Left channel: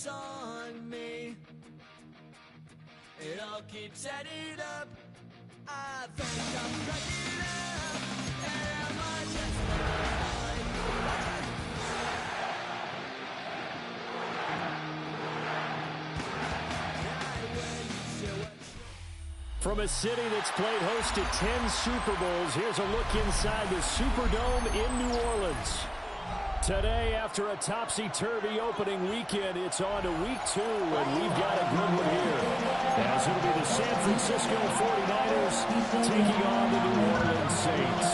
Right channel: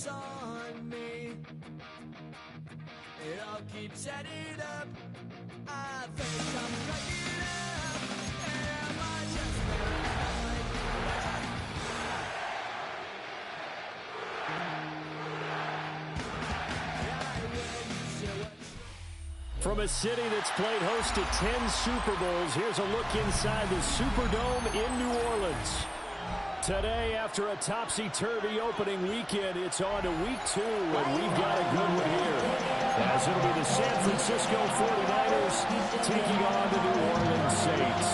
focus on me. It all keeps adding up. I think I'm cracking up. Am I just paranoid? From a city that's played host to 10 Super Bowls, here's a look inside the Superdome in New Orleans. Today, after a topsy-turvy opening weekend, it's on to week 2, and we've got a good one here. As it'll be the San Francisco 49ers taking on the New Orleans Saints.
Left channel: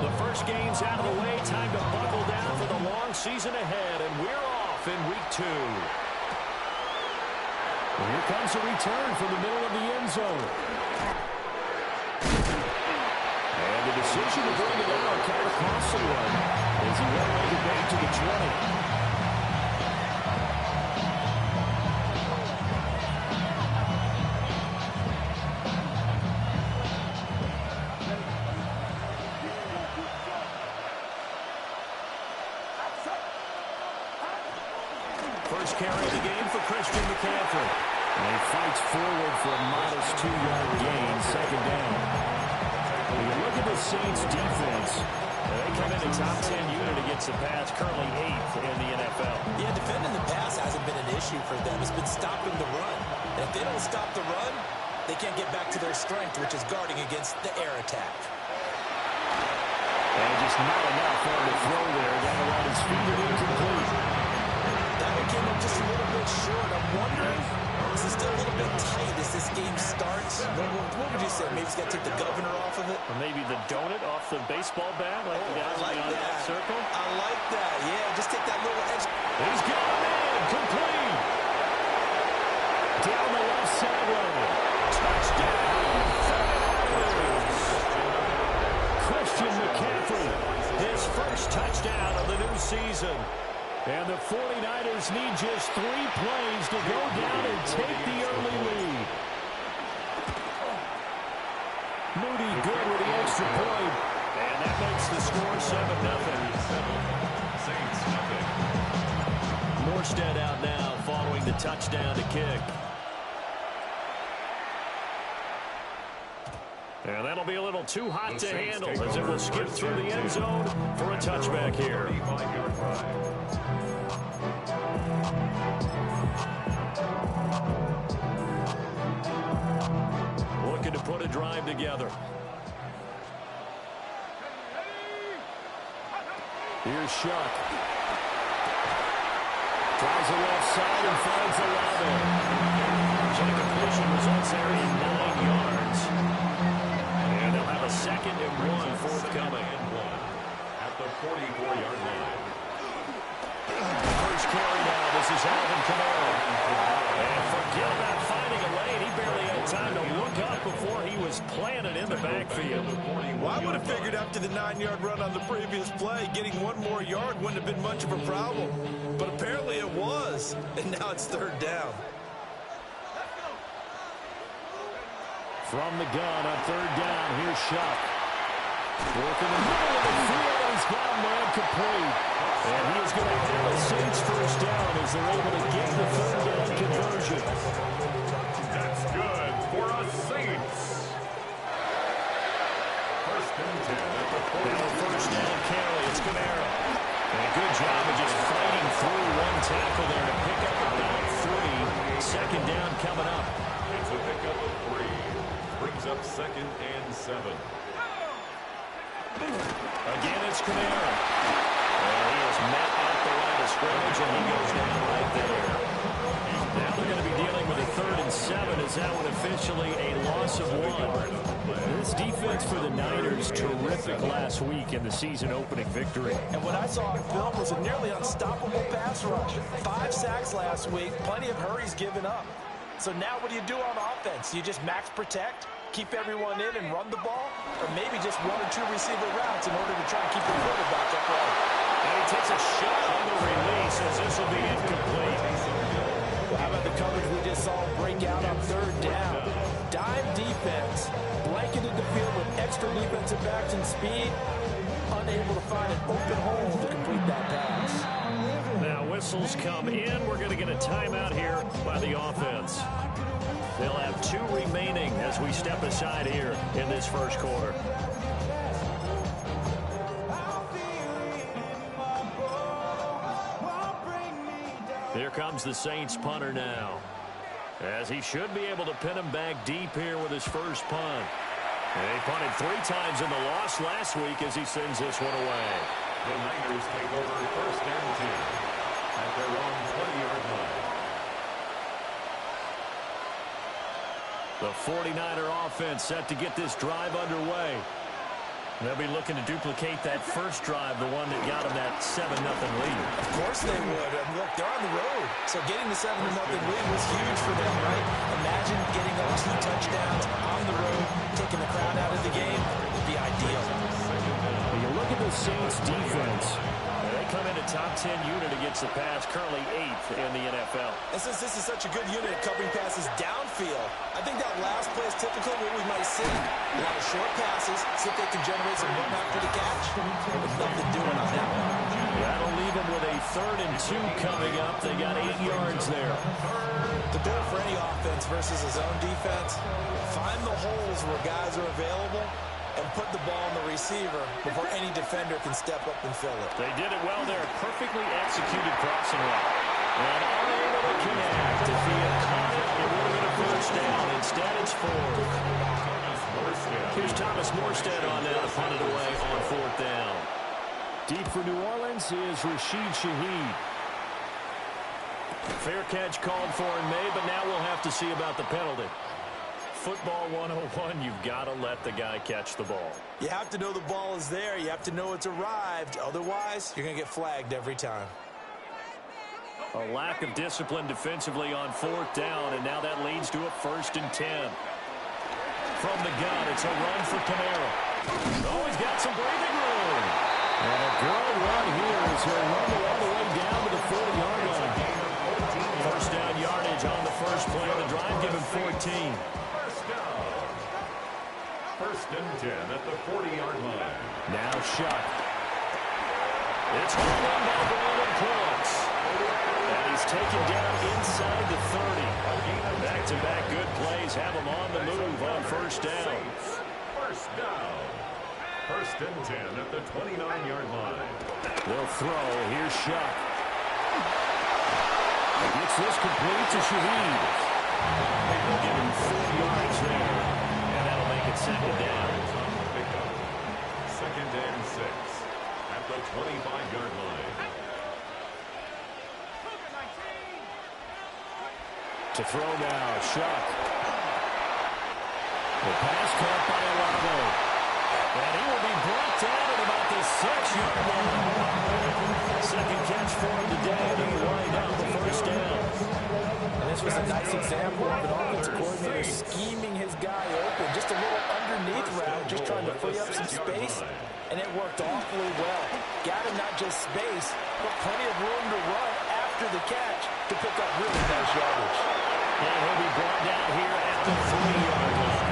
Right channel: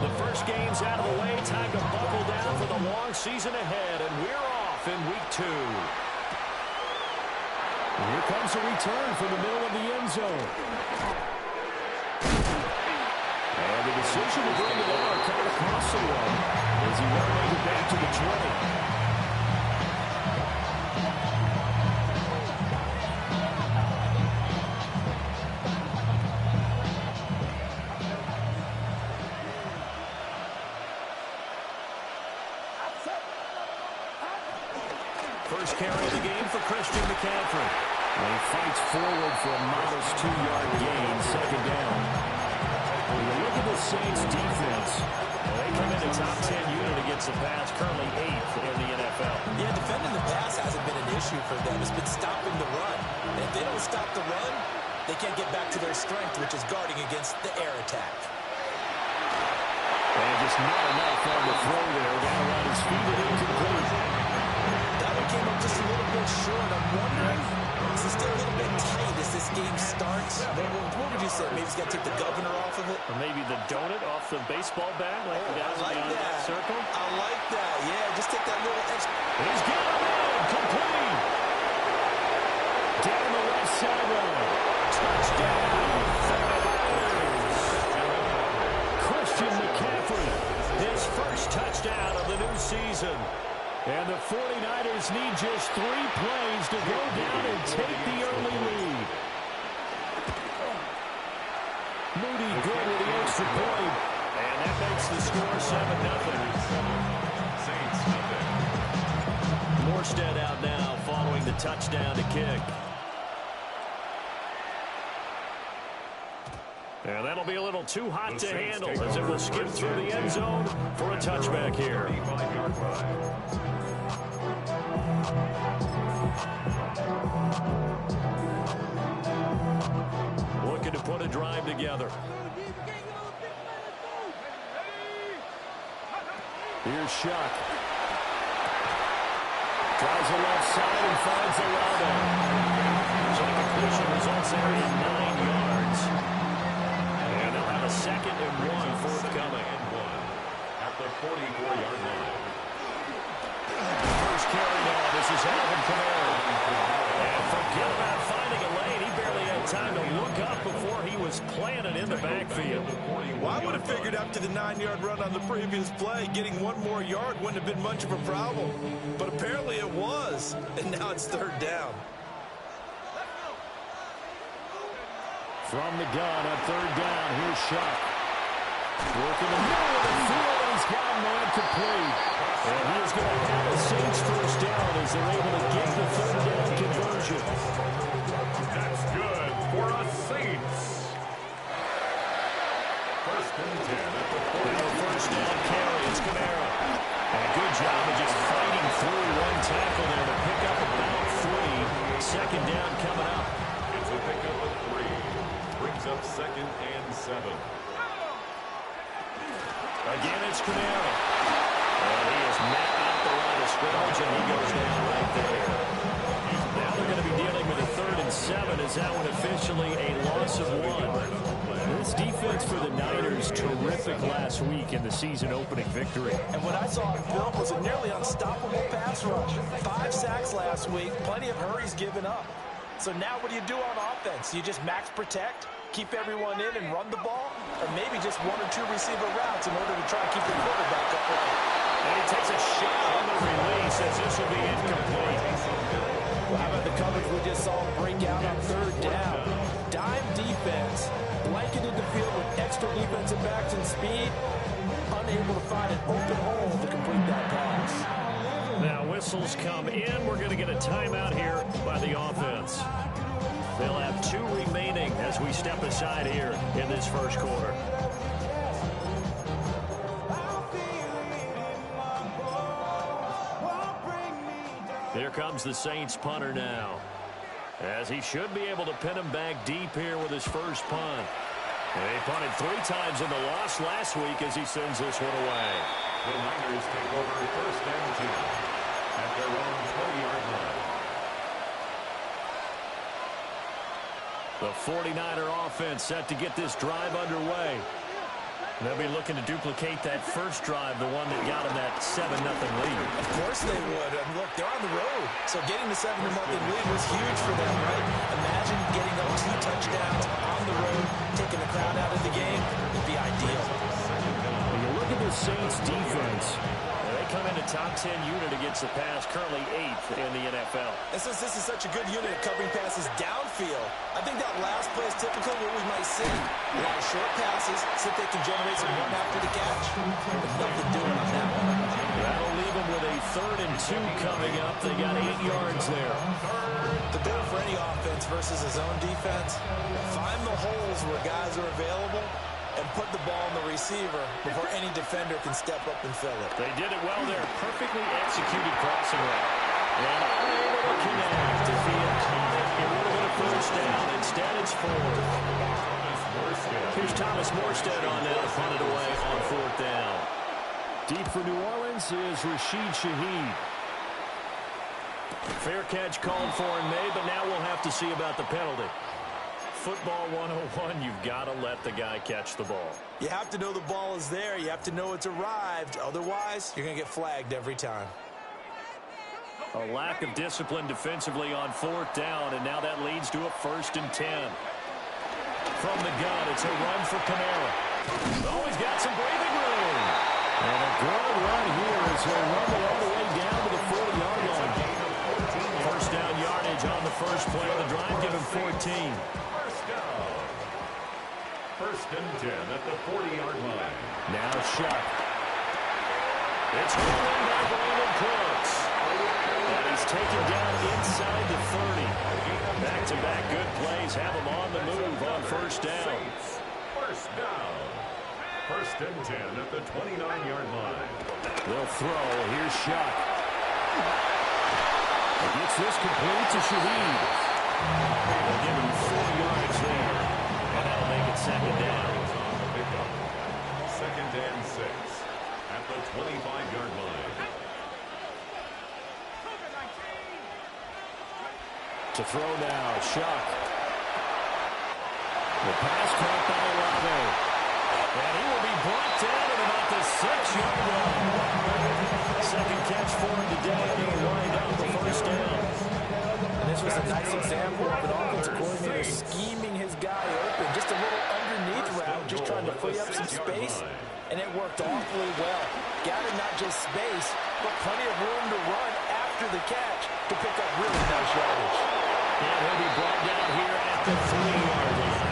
The first game's out of the way. Time to buckle down for the long season ahead, and we're off in week 2. Here comes a return from the middle of the end zone. And the decision to bring it out kind of cost someone as he won't make it back to the 20. First carry of the game for Christian McCaffrey. And he fights forward for a modest 2-yard gain, second down. When you look at the Saints' defense, they come in a top 10 unit against the pass, currently 8th in the NFL. Yeah, defending the pass hasn't been an issue for them. It's been stopping the run. And if they don't stop the run, they can't get back to their strength, which is guarding against the air attack. And just not enough on the throw there. Down around his feet and incomplete. That one came up just a little bit short. I'm wondering, is it still a little bit tight as this game starts? What would you say? Maybe he's got to take the governor off of it? Or maybe the donut off the baseball bat, like the guys beyond that circle? I like that. Yeah, just take that little edge. He's got him in. Complete. Down the left sideline. Touchdown. 49ers. Christian McCaffrey, his first touchdown of the new season. And the 49ers need just 3 plays to go down and take the early lead. Moody good with the extra point. And that makes the score 7-0. Saints nothing. Morstead out now following the touchdown to kick. And that'll be a little too hot to handle as it will skip through the end zone for a touchback here. 35-yard line. Looking to put a drive together. Here's Shuck. Tries the left side and finds Olave. So the completion results there in 9 yards. And they'll have a 2nd and 1 forthcoming. At the 44-yard line. First carry now. This is Alvin Kamara. And forget about finding a lane. He barely had time to look up before he was planted in the backfield. Well, I would have figured up to the 9-yard run on the previous play. Getting 1 more yard wouldn't have been much of a problem. But apparently it was. And now it's 3rd down. From the gun on 3rd down, here's Shuck. Working in the middle of the field, and he's got a man complete. And he is going to have a Saints first down as they're able to get the 3rd down conversion. That's good for us Saints. 1st and 10 at the 40. Now a first down carry, it's Kamara. And a good job of just fighting through 1 tackle there to pick up about 3. 2nd down coming up. It's a pickup of 3. Brings up 2nd and 7. Again, it's Kamara. And he is met at the line of scrimmage, and he goes down right there. Now they're going to be dealing with a 3rd and 7 as that one officially a loss of 1. This defense for the Niners, terrific last week in the season opening victory. And what I saw on film was a nearly unstoppable pass rush. 5 sacks last week, plenty of hurries given up. So now what do you do on offense? You just max protect, keep everyone in and run the ball, or maybe just 1 or 2 receiver routes in order to try and keep the quarterback upright. And he takes a shot on the release as this will be incomplete. Well, how about the coverage we just saw break out on third down? Dime defense, blanketed the field with extra defensive backs and speed, unable to find an open hole to complete that pass. Now whistles come in. We're going to get a timeout here by the offense. They'll have 2 remaining as we step aside here in this first quarter. Here comes the Saints punter now, as he should be able to pin him back deep here with his first punt. And he punted 3 times in the loss last week as he sends this one away. The Niners take over first and 10 at their own 20-yard line. The 49er offense set to get this drive underway. They'll be looking to duplicate that first drive, the one that got them that 7-0 lead. Of course they would. And look, they're on the road. So getting the 7-0 lead was huge for them, right? Imagine getting up 2 touchdowns on the road, taking the crowd out of the game. It'd be ideal. When you look at the Saints defense, they come in a top 10 unit against the pass, currently 8th in the NFL. And since this is such a good unit at covering passes downfield, I think that last play is typically what we might see. A lot of short passes, see if they can generate some run after the catch, but nothing doing on that one. That'll leave them with a 3rd and 2 coming up. They got 8 yards there. The goal for any offense versus a zone defense, find the holes where guys are available and put the ball on the receiver before any defender can step up and fill it. They did it well there. Perfectly executed crossing route. And unable to connect. If he had caught it, it would have been a first down. Instead, it's 4th. Here's Thomas Morstead on now to punt it away on 4th down. Deep for New Orleans is Rashid Shaheed. Fair catch called for and made, but now we'll have to see about the penalty. Football 101, you've got to let the guy catch the ball. You have to know the ball is there. You have to know it's arrived. Otherwise, you're going to get flagged every time. A lack of discipline defensively on 4th down, and now that leads to a 1st and 10. From the gun, it's a run for Kamara. Oh, he's got some breathing room. And a good run here as he'll rumble all the way down to the 40-yard line. First down yardage on the first play of the drive, give him 14. First down. 1st and 10 at the 40-yard line. Now Shuck. It's hauled in by Brandon Cooks. And he's taken down inside the 30. Back-to-back good plays have him on the move on first down. First down. 1st and 10 at the 29-yard line. They'll throw. Here's Shuck. He gets this complete to Shaheed. They'll give him 4 yards there. And that'll make it 2nd down. On the pickup. 2nd and 6 at the 25-yard line. To throw now, Shuck. The pass caught by Olave. And he will be brought down at about the 6-yard line. Second catch for him today, and he'll wind up the first down. And this was a nice example of an offensive coordinator scheming his guy open. Just a little underneath route, just trying to free up some space. And it worked awfully well. Got him not just space, but plenty of room to run after the catch to pick up really nice yardage. And he'll be brought down here at the 3-yard line.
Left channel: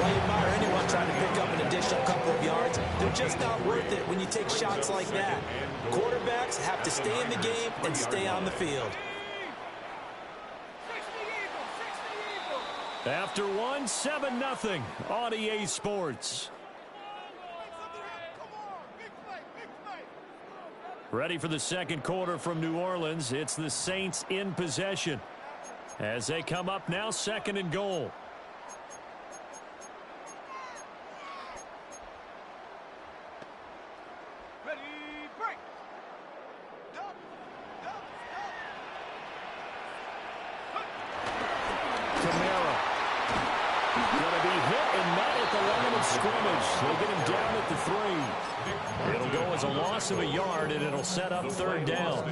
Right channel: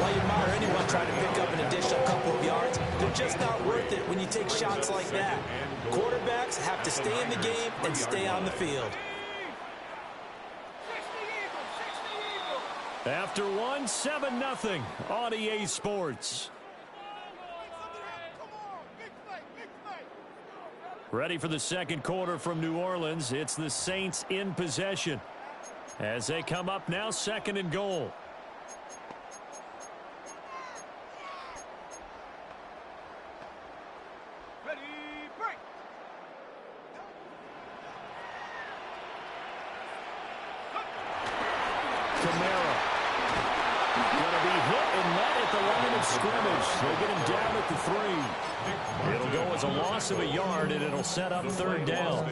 While you admire anyone trying to pick up an additional couple of yards, they're just not worth it when you take shots like that. Quarterbacks have to stay in the game and stay on the field. After one, 7-0 on EA Sports. Ready for the second quarter from New Orleans. It's the Saints in possession as they come up now, 2nd and goal. Ready, break. Kamara. Going to be hit and met at the line of scrimmage. They get him down at the 3. It'll go as a loss of a yard, and it'll set up 3rd down.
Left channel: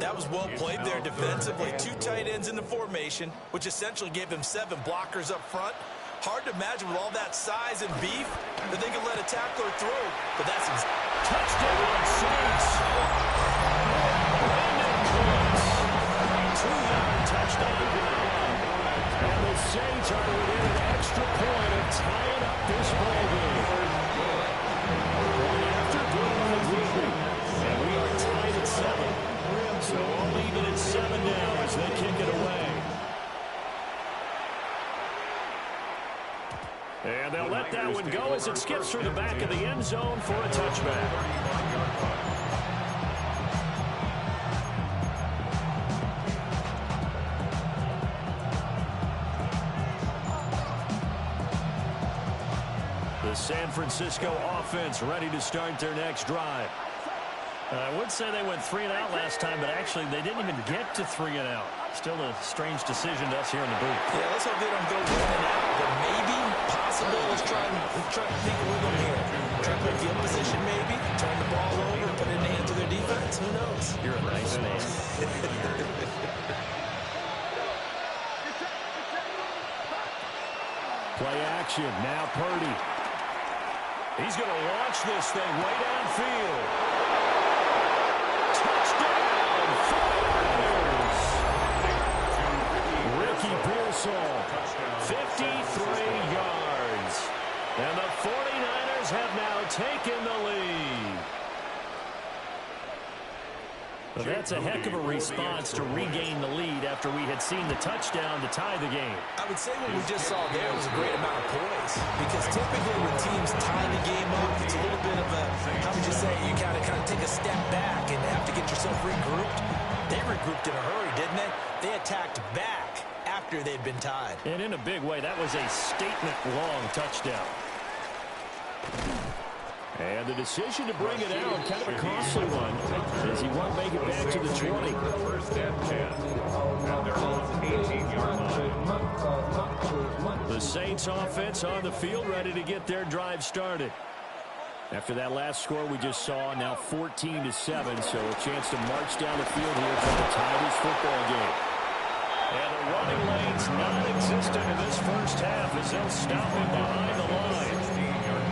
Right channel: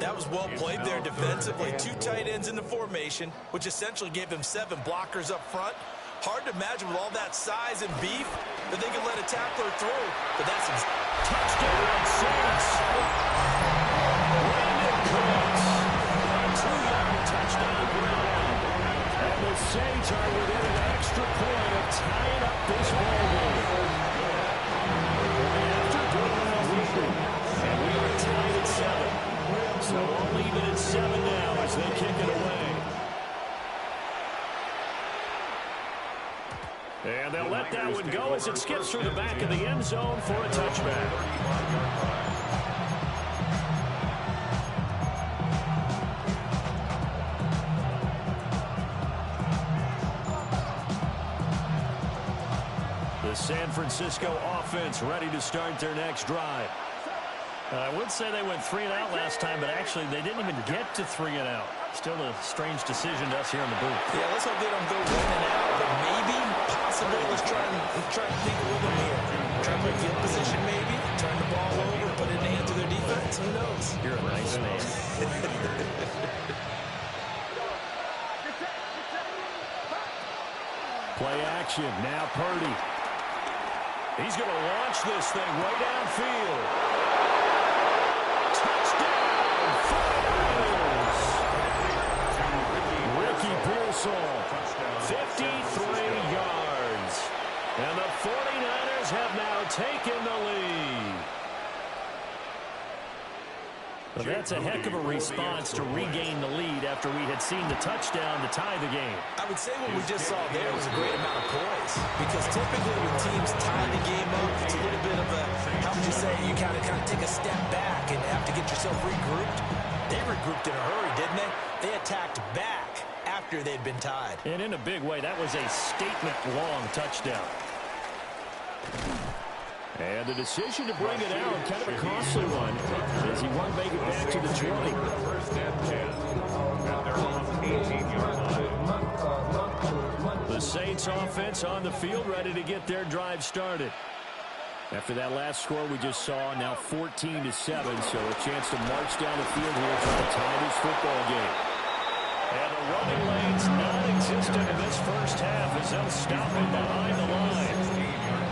That was well played there defensively. 2 tight ends in the formation, which essentially gave them 7 blockers up front. Hard to imagine with all that size and beef that they could let a tackler through, but that's Touchdown, Saints. Brandon Cooks. A 2-yard touchdown grab. And the Saints are within an extra point of tying up this ball game. Point after, good line moving. And we are tied at 7. So all even at 7 now as they kick it away. And they'll let that one go as it skips through the back of the end zone for a touchback. The San Francisco offense ready to start their next drive. I would say they went 3 and out last time, but actually they didn't even get to 3 and out. Still a strange decision to us here in the booth. Yeah, let's hope they don't go 1 and out, but maybe, possible. Let's try and think with them here. Try to play field position maybe, turn the ball over, put it in the hands of their defense. Who knows? You're a nice man. Play action. Now Purdy. He's going to launch this thing way downfield. Touchdown, 49ers. Ricky Pearsall, 53 yards. And the 49ers have now taken the lead. Well, that's a heck of a response to regain the lead after we had seen the touchdown to tie the game. I would say what we just saw there was a great amount of poise, because typically when teams tie the game up, it's a little bit of a, how would you say, you kind of take a step back and have to get yourself regrouped. They regrouped in a hurry, didn't they? They attacked back after they'd been tied. And in a big way, that was a statement-long touchdown. And the decision to bring it out, kind of a costly one, as he won't make it back to the 20. First and 10 at their own 18-yard line. The Saints offense on the field, ready to get their drive started. After that last score we just saw, now 14-7, so a chance to march down the field here, trying to tie this football game. And the running lane's non-existent in this first half as they'll stop him behind the line.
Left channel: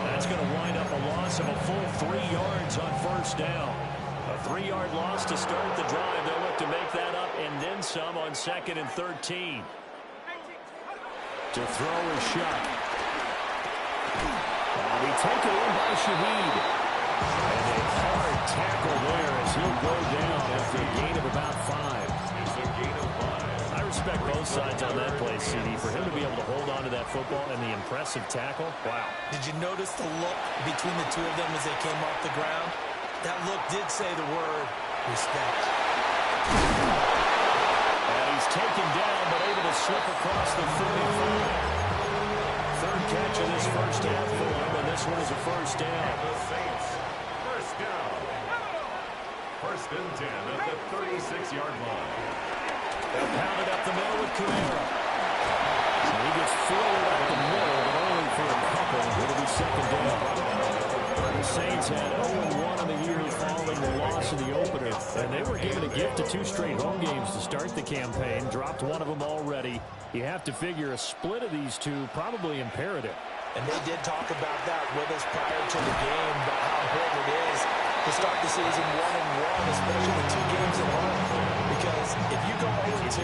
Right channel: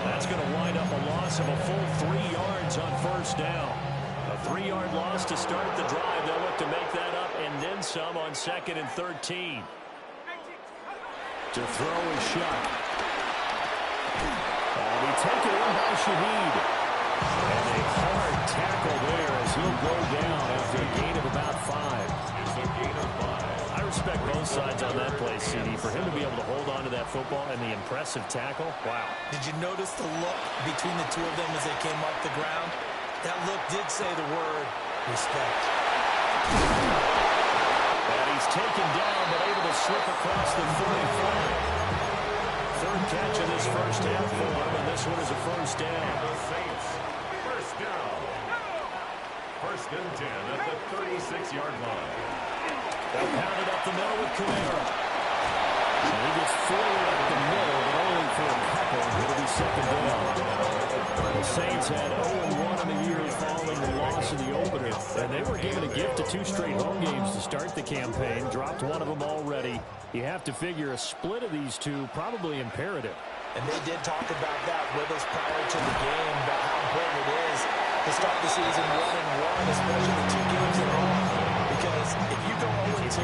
That's going to wind up a loss of a full 3 yards on first down. A 3-yard loss to start the drive. They'll look to make that up and then some on 2nd and 13. To throw is Shuck. That'll be taken in by Shaheed. And a hard tackle there as he'll go down after a gain of about 5. It's a gain of 5. I respect both sides on that play, CD. For him to be able to hold on to that football and the impressive tackle, wow. Did you notice the look between the two of them as they came off the ground? That look did say the word respect. And he's taken down, but able to slip across the 45. Third catch of this first half for him, and this one is a first down. And the Saints, first down. First and 10 at the 36-yard line. They'll pound it up the middle with Kamara. And he gets forward up the middle, but only for a couple. It'll be second down. The Saints had 0-1 in the year following the loss of the opener. And they were given a gift of 2 straight home games to start the campaign. Dropped one of them already. You have to figure a split of these two probably imperative. And they did talk about that with us prior to the game, about how important it is to start the season 1-1, especially with 2 games at home. Because if you go 0-2,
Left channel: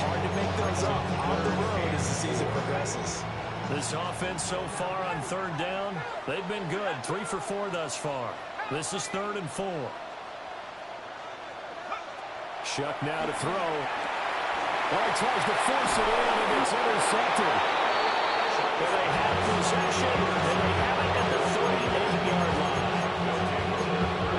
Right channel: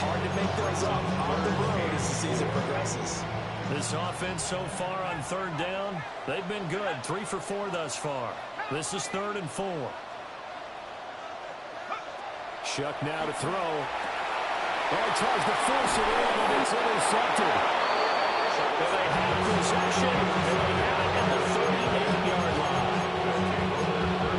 hard to make those up on the road as the season progresses. This offense so far on third down, they've been good. 3 for 4 thus far. This is 3rd and 4. Shuck now to throw. Well, he tries to force it in, and it's intercepted. And they have possession, and they have it at the 38-yard line.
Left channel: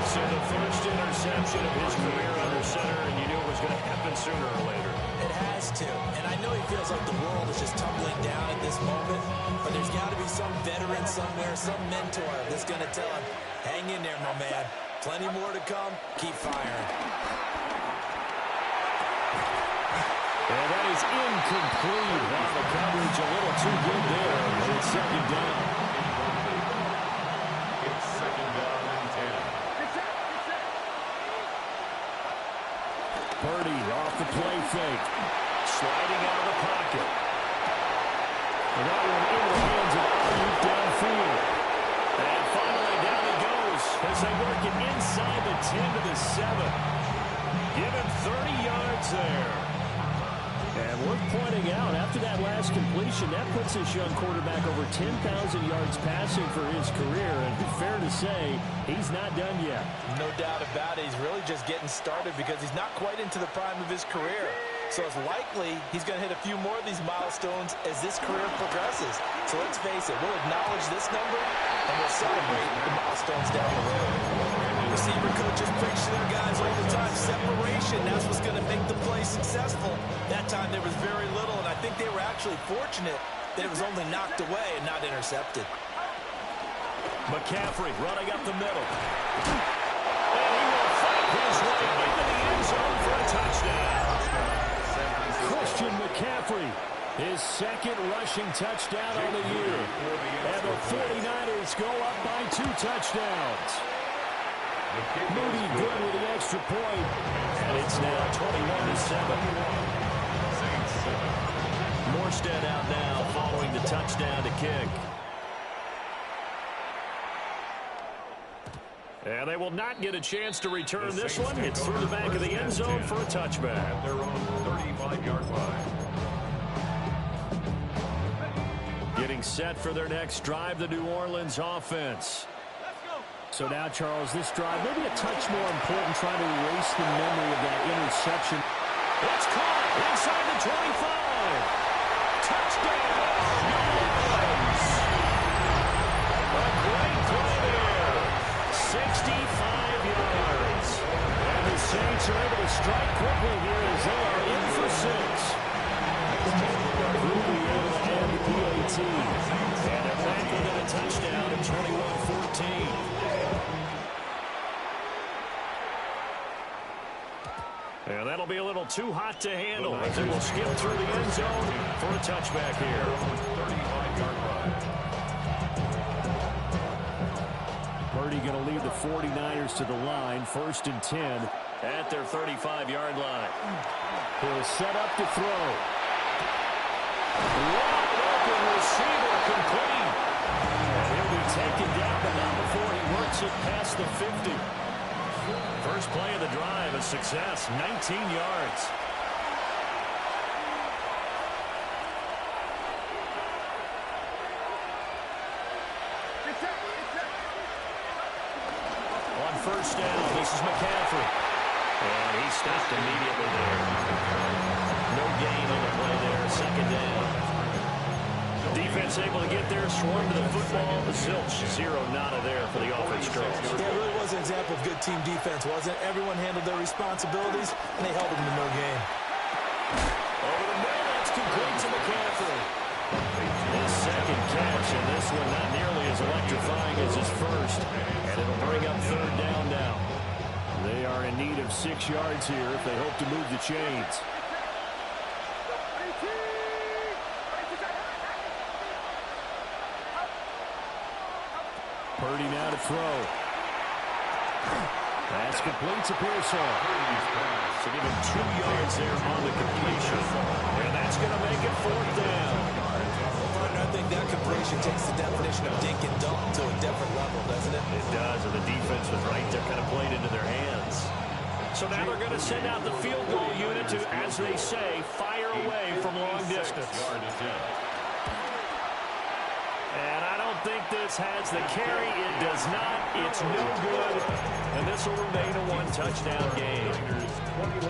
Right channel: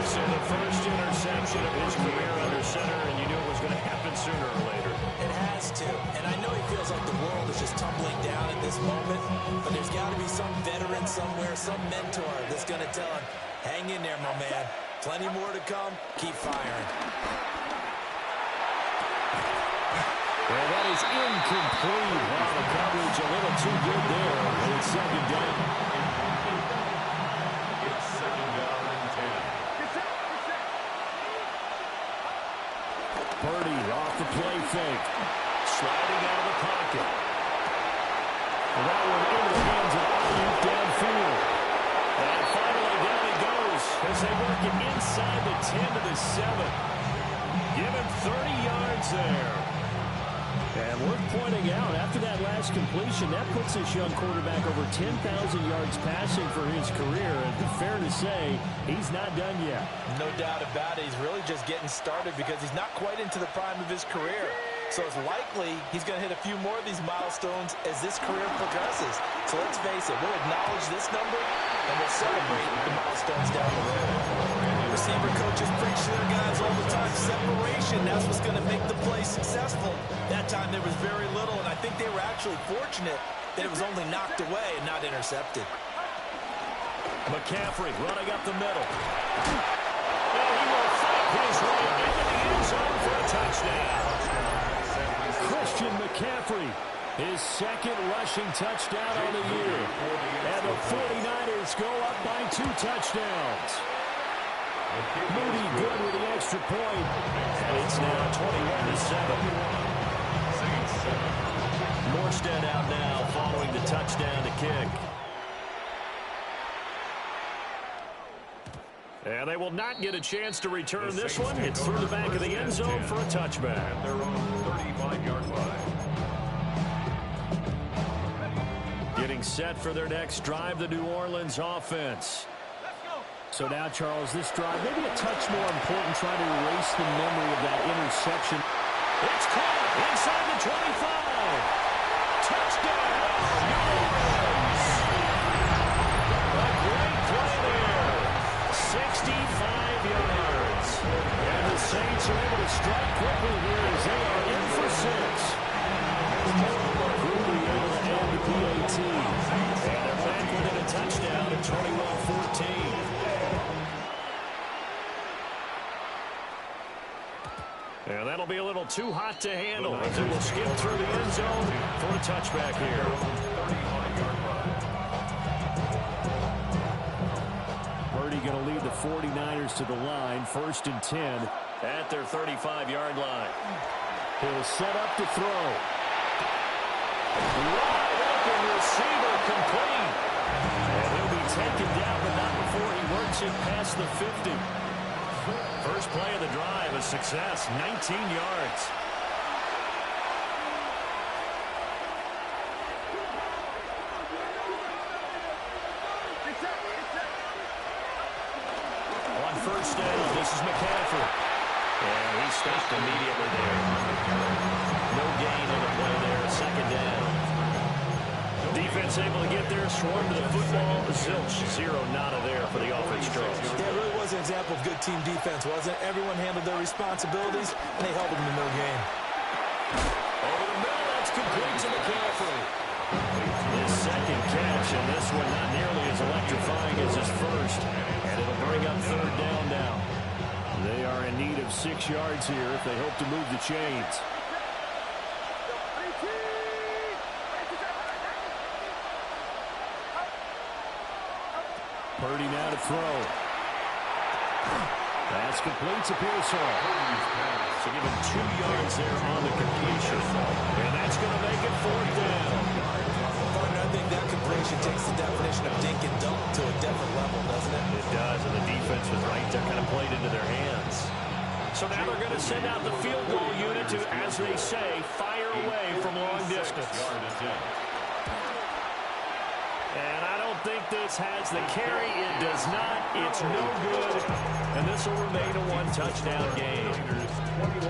So the first interception of his career under center, and you knew it was going to happen sooner or later. It has to. And I know he feels like the world is just tumbling down at this moment, but there's got to be some veteran somewhere, some mentor that's going to tell him, hang in there, my man. Plenty more to come. Keep firing. And that is incomplete. Now the coverage a little too good there. And it's second down. It's second down and 10. Purdy off the play fake. Sliding out of the pocket. And that one into the hands of Ayuk downfield. And finally down he goes as they work it inside the 10 to the 7. Give him 30 yards there. And worth pointing out, after that last completion, that puts this young quarterback over 10,000 yards passing for his career. And fair to say, he's not done yet. No doubt about it. He's really just getting started because he's not quite into the prime of his career. So it's likely he's going to hit a few more of these milestones as this career progresses. So let's face it, we'll acknowledge this number and we'll celebrate the milestones down the road. Receiver coaches preach to their guys all the time. Separation, that's what's going to make the play successful. That time there was very little, and I think they were actually fortunate that it was only knocked away and not intercepted. McCaffrey running up the middle. And he will fight his way into the end zone for a touchdown. Christian McCaffrey, his second rushing touchdown on the year. And the 49ers go up by 2 touchdowns. Moody good with the extra point. And it's now 21-7. Morstead out now following the touchdown to kick. And they will not get a chance to return this one. It's through the back of the end zone for a touchback. At their own 35-yard line. Getting set for their next drive, the New Orleans offense. So now, Charles, this drive maybe a touch more important, trying to erase the memory of that interception. It's caught inside the 25. Touchdown, New Orleans. A great play there. 65 yards. And the Saints are able to strike quickly here as they are in for 6. Quickly able to add the PAT. And they're back within a touchdown at 21-14. And that'll be a little too hot to handle as it will skip through the end zone for a touchback here. 35-yard line. Purdy going to lead the 49ers to the line, 1st and 10 at their 35-yard line. He'll set up to throw. Wide open receiver complete. And he'll be taken down, but not before he works it past the 50. First play of the drive, a success, 19 yards. On first down, this is McCaffrey. And he stopped immediately there. No gain on the play there, 2nd down. Defense able to get there, swarm to the football. Zilch, 0 nada there for the offense, Charles. Yeah, it really was an example of good team defense, wasn't it? Everyone handled their responsibilities, and they held them to no gain. Over the middle, that's complete to McCaffrey. His second catch, and this one not nearly as electrifying as his first. And it'll bring up 3rd down now. They are in need of 6 yards here if they hope to move the chains. Purdy now to throw. That's complete to Pearsall. So give him 2 yards there on the completion. And that's going to make it 4th down. Partner, I think that completion takes the definition of dink and dunk to a different level, doesn't it? It does, and the defense was right there, kind of played into their hands. So now they're going to send out the field goal unit to, as they say, fire away from long distance. And I don't think this has the carry. It does not. It's no good. And this will remain a 1-touchdown game.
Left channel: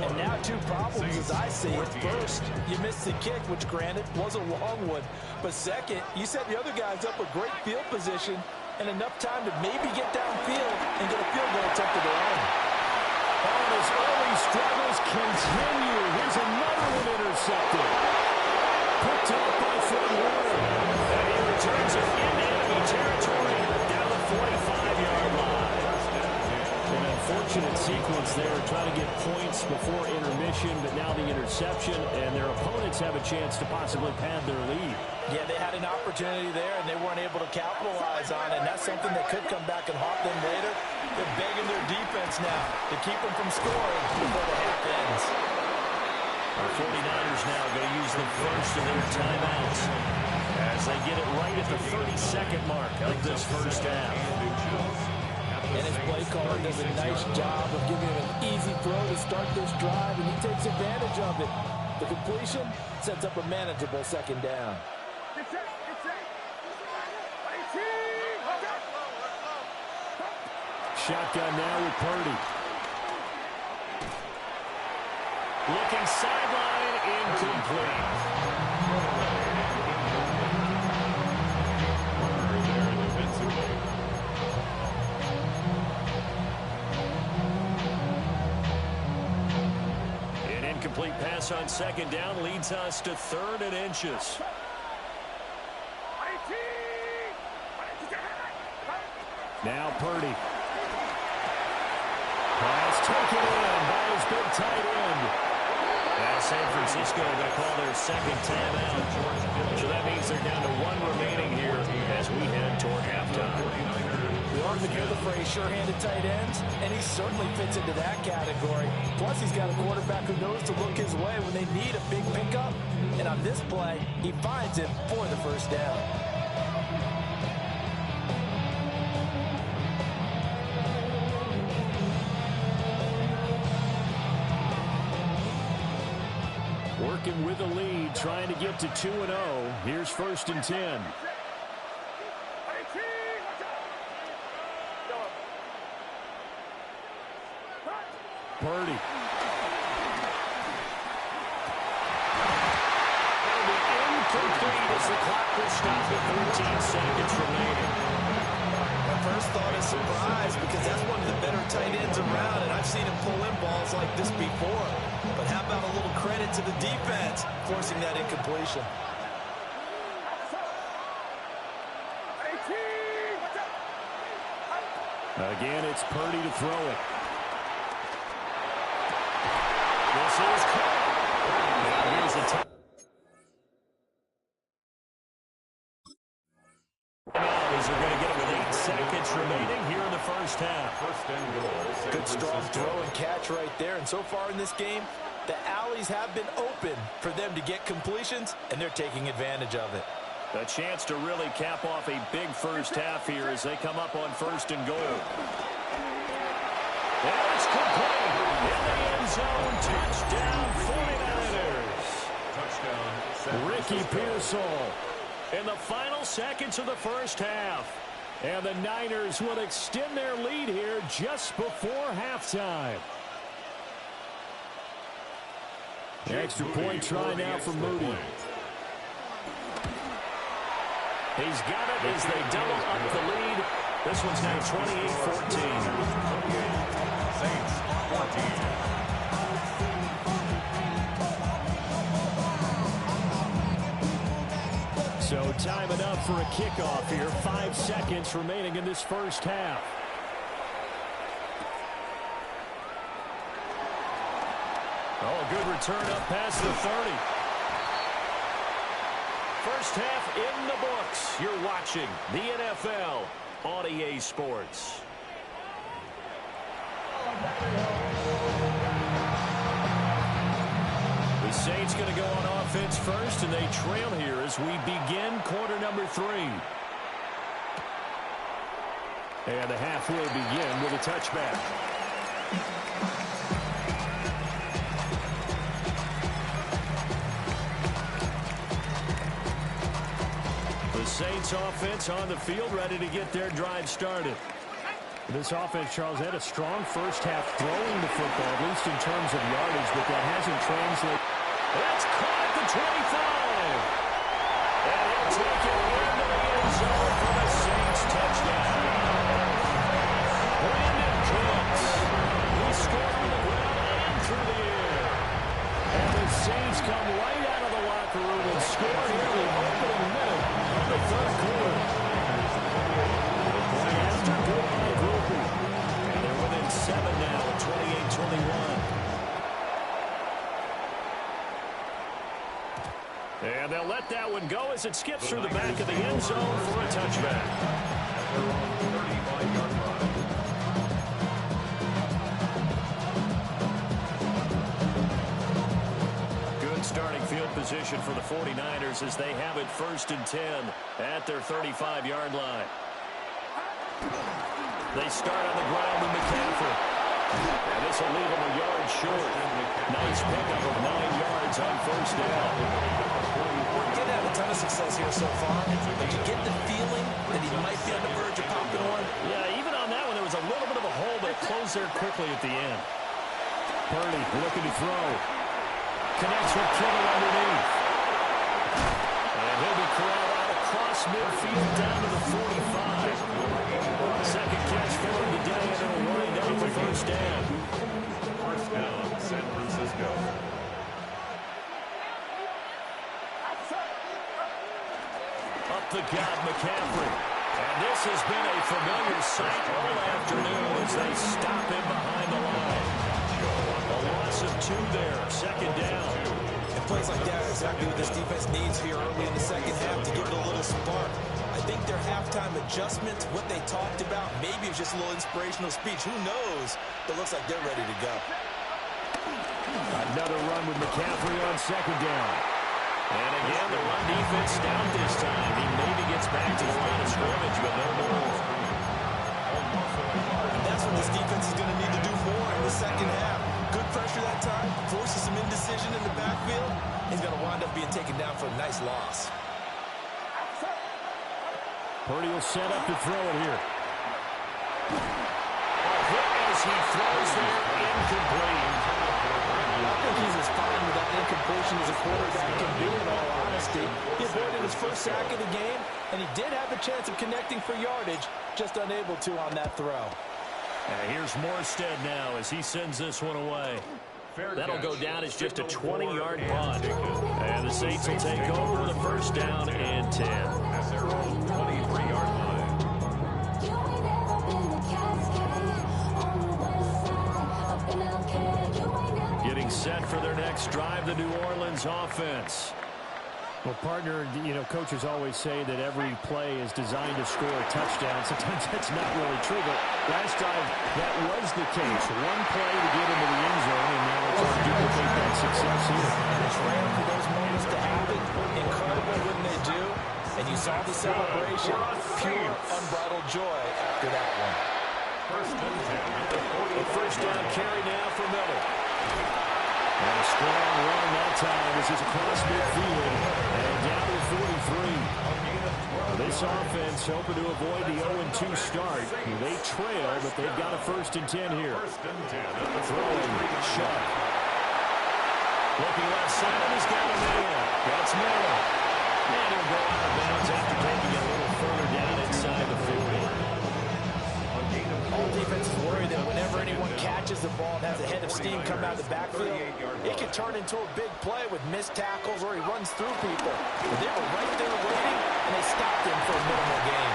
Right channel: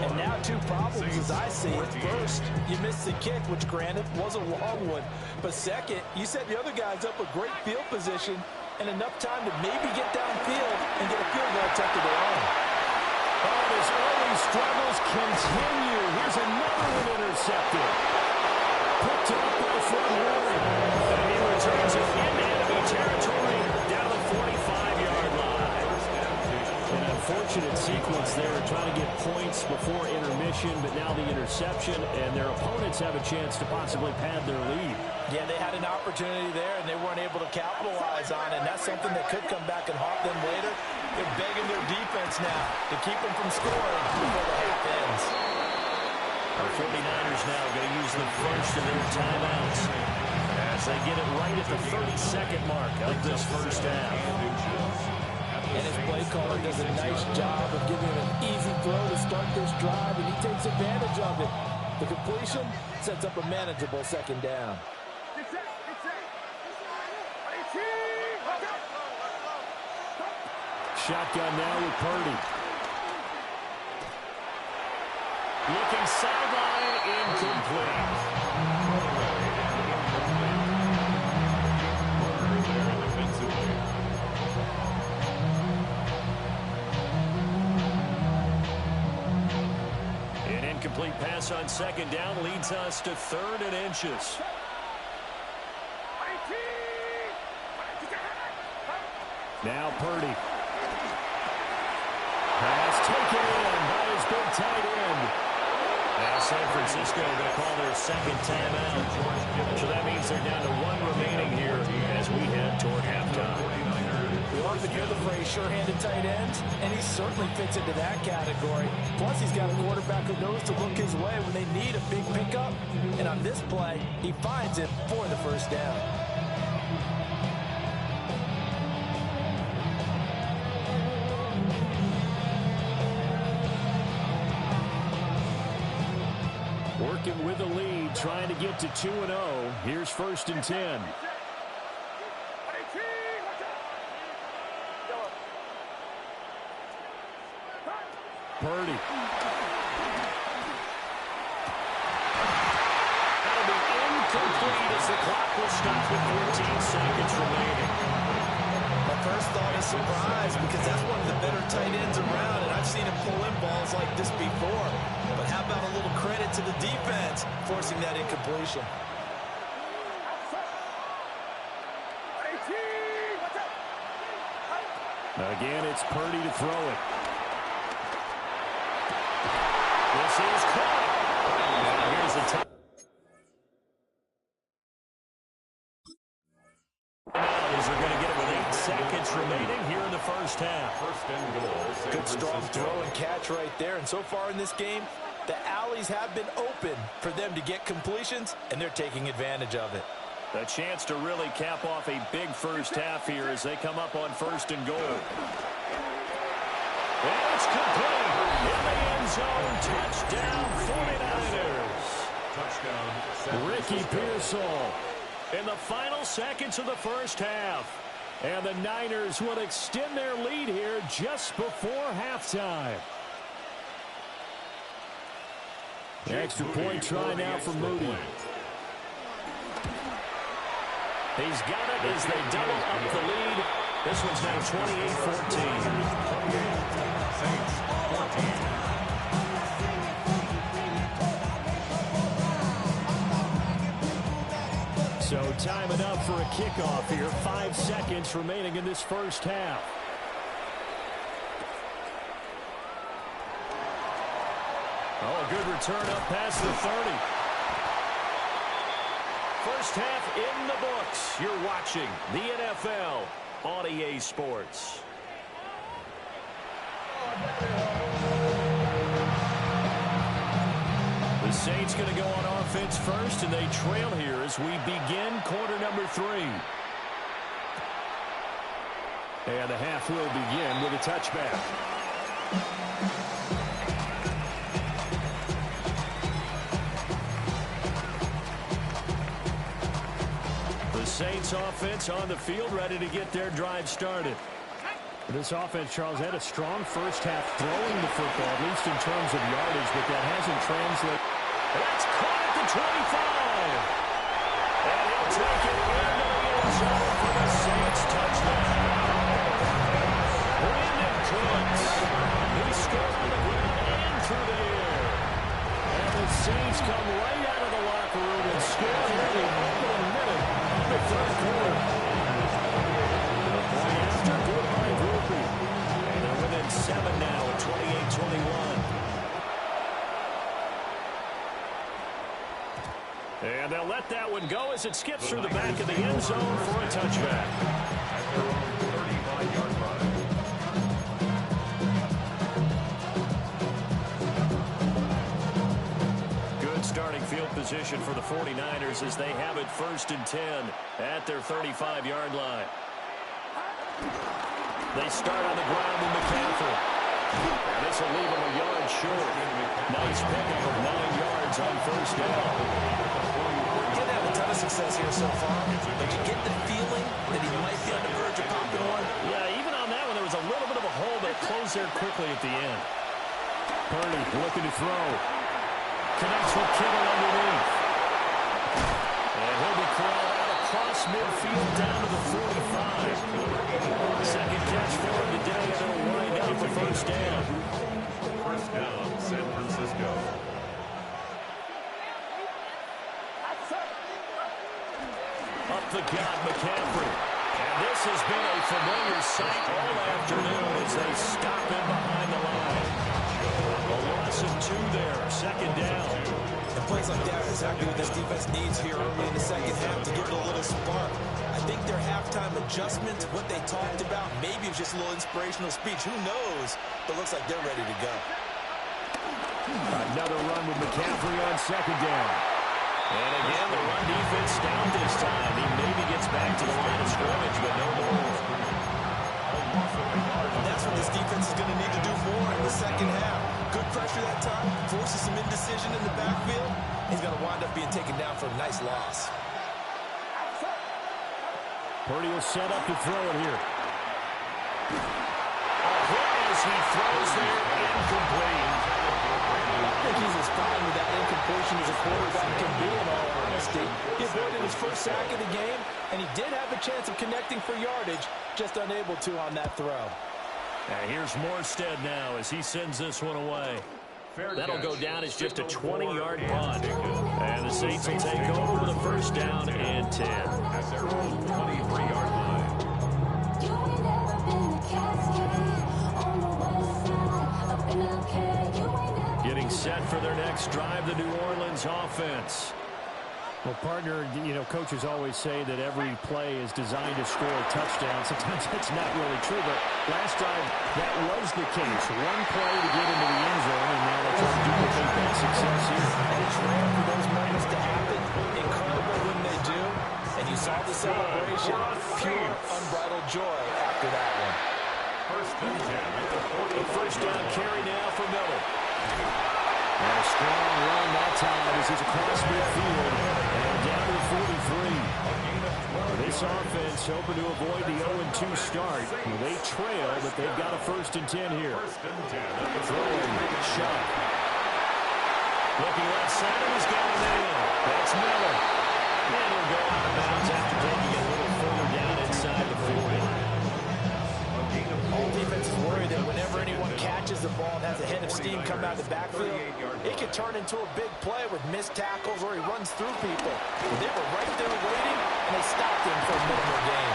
And now 2 problems as I see it. First, you missed the kick, which granted was a long one. But second, you set the other guys up with great field position and enough time to maybe get downfield and get a field goal attempt of their own. Oh, and his early struggles continue. Here's another one intercepted. Picked up by Fred Warner. And he returns it into enemy territory down to the 45-yard line. An unfortunate sequence there, trying to get points before intermission, but now the interception, and their opponents have a chance to possibly pad their lead. Yeah, they had an opportunity there, and they weren't able to capitalize on it, and that's something that could come back and haunt them later. They're begging their defense now to keep them from scoring before the half ends. Our 49ers now going to use the first of their timeouts as they get it right at the 32nd mark of this first half. And his play caller does a nice job of giving him an easy throw to start this drive, and he takes advantage of it. The completion sets up a manageable second down. Shotgun now with Purdy. Looking sideline, incomplete. There defensively. An incomplete pass on second down leads us to 3rd and inches. Now Purdy. Pass taken in by his big tight end. Now San Francisco going to call their second timeout. So that means they're down to 1 remaining here as we head toward halftime. We often hear the phrase sure-handed tight ends, and he certainly fits into that category. Plus, he's got a quarterback who knows to look his way when they need a big pickup. And on this play, he finds it for the first down. Working with the lead, trying to get to 2-0. Here's 1st and 10. Purdy. That'll be incomplete as the clock will stop with 14 seconds remaining. My first thought is surprise because that's one of the better tight ends around, and I've seen him pull in balls like this before. But how about a little credit to the defense forcing that incompletion? Again, it's Purdy to throw it. This is caught. Now here's the time. As they're going to get it with 8 seconds remaining here in the first half. 1st and goal. Good strong throw and catch right there. And so far in this game, the alleys have been open for them to get completions, and they're taking advantage of it. A chance to really cap off a big first half here as they come up on 1st and goal. And it's complete. In the end zone, touchdown 49ers. Touchdown. Ricky Pearsall in the final seconds of the first half. And the Niners will extend their lead here just before halftime. Extra point try now for Moody. He's got it as they double up the lead. This one's now 28-14. Saints 14. So time it up for a kickoff here. 5 seconds remaining in this first half. Oh, a good return up past the 30. First half in the books. You're watching the NFL on EA Sports. The Saints going to go on offense first, and they trail here as we begin quarter number 3. And the half will begin with a touchback. The Saints offense on the field, ready to get their drive started. This offense, Charles, had a strong first half throwing the football, at least in terms of yardage, but that hasn't translated. That's caught at the 25. And he'll take it into the end zone for the Saints touchdown. Brandon Cooks. He scored on the ground and through the air. And the Saints come right out of the locker room and score here in the opening minute of the 3rd quarter. The point after, good by Groupie. And they're within 7 now at 28-21. And they'll let that one go as it skips through the back of the end zone for a touchback. At their own 35-yard line. Good starting field position for the 49ers as they have it 1st and 10 at their 35-yard line. They start on the ground with McCaffrey. And this will leave him a yard short. Nice pickup of 9 yards on first down. Getting had a ton of success here so far, but you get the feeling that he might be on the verge of popping one. Yeah, even on that one, there was a little bit of a hole, but it closed there quickly at the end. Purdy looking to throw. Connects with Kittle underneath. And he'll be corralled out across midfield down to the 45. Second catch for him today, and it'll wind up a first down. First down, San Francisco. Up the gut, McCaffrey. And this has been a familiar sight all afternoon as they stop him behind the line. A loss of 2 there, second down. And plays like that are exactly what this defense needs here early in the second half to give it a little spark. I think their halftime adjustment, what they talked about, maybe it was just a little inspirational speech. Who knows? But looks like they're ready to go. Another run with McCaffrey on second down. And again, the run defense stout this time. He maybe gets back to the line of scrimmage, but no more. And that's what this defense is going to need to do more in the second half. Good pressure that time, forces some indecision in the backfield. He's going to wind up being taken down for a nice loss. Purdy will set up to throw it here. A hit as he throws there, incomplete. I think he's as fine with that incompletion as a quarterback can be, in all honesty. He avoided his first sack of the game, and he did have a chance of connecting for yardage, just unable to on that throw. And here's Morstead now as he sends this one away. That'll go down as just a 20-yard punt. And the Saints will take over with a first down and 10. At their own 23-yard line. Getting set for their next drive, the New Orleans offense. Well, partner, you know, coaches always say that every play is designed to score a touchdown. Sometimes that's not really true, but last drive, that was the case. One play to get into the end zone, and now they'll try to duplicate that success here. And it's rare for those moments to happen. Incredible when they do. And you saw the celebration. Pure, unbridled joy after that one. First and 10 at the 40. A first down carry now for Miller. And a strong run that time as he's across midfield and down to the 43. This offense hoping to avoid the 0-2 start. They trail, but they've got a first and 10 here. First and 10 at the Throwing, Shuck. Looking left side, and he's got a man. That's Miller. And he'll go out of bounds after taking it a little further down inside the 40. All defenses worry that whenever anyone catches the ball and has a head of steam come out of the backfield, it can turn into a big play with missed tackles or he runs through people. But they were right there waiting, and they stopped him for a minimal gain.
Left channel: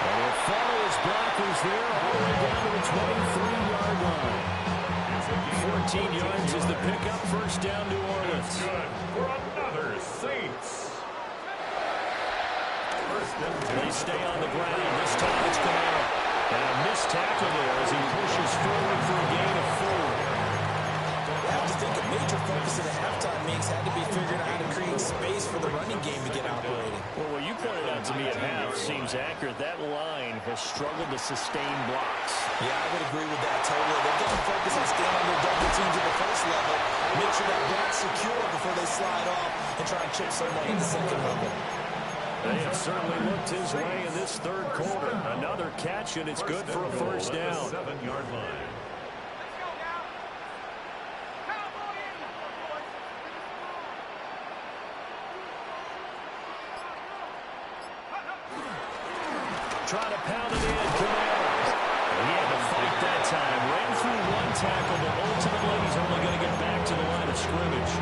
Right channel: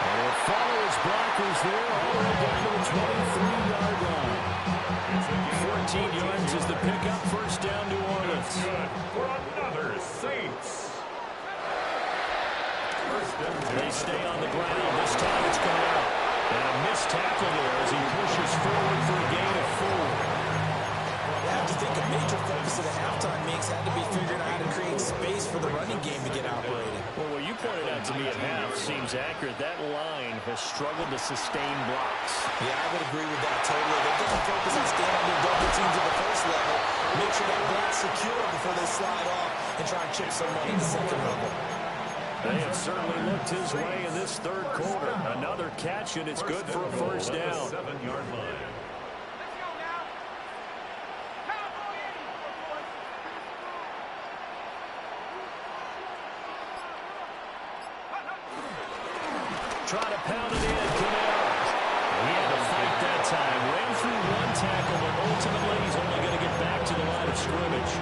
And he'll follow his blockers there all the way down to the 23-yard line. 14 yards is the pickup. First down, New Orleans. Good for another Saints. First and 10. They stay on the ground. This time it's Kamara. And a missed tackle there as he pushes forward for a gain of 4. I have to think a major focus of the halftime meetings had to be figuring out how to create space for the running game to get operating. Well, what you pointed out to me at half seems accurate. That line has struggled to sustain blocks. Yeah, I would agree with that totally. They've got to focus on staying on their double teams at the first level, make sure that block's secure before they slide off and try and chip someone at the second level. They have certainly looked his way in this third quarter. Another catch, and it's good for a first down. 7-yard line. Try to pound it in, Kamara. He had to fight that time. Ran through one tackle, but ultimately he's only going to get back to the line of scrimmage.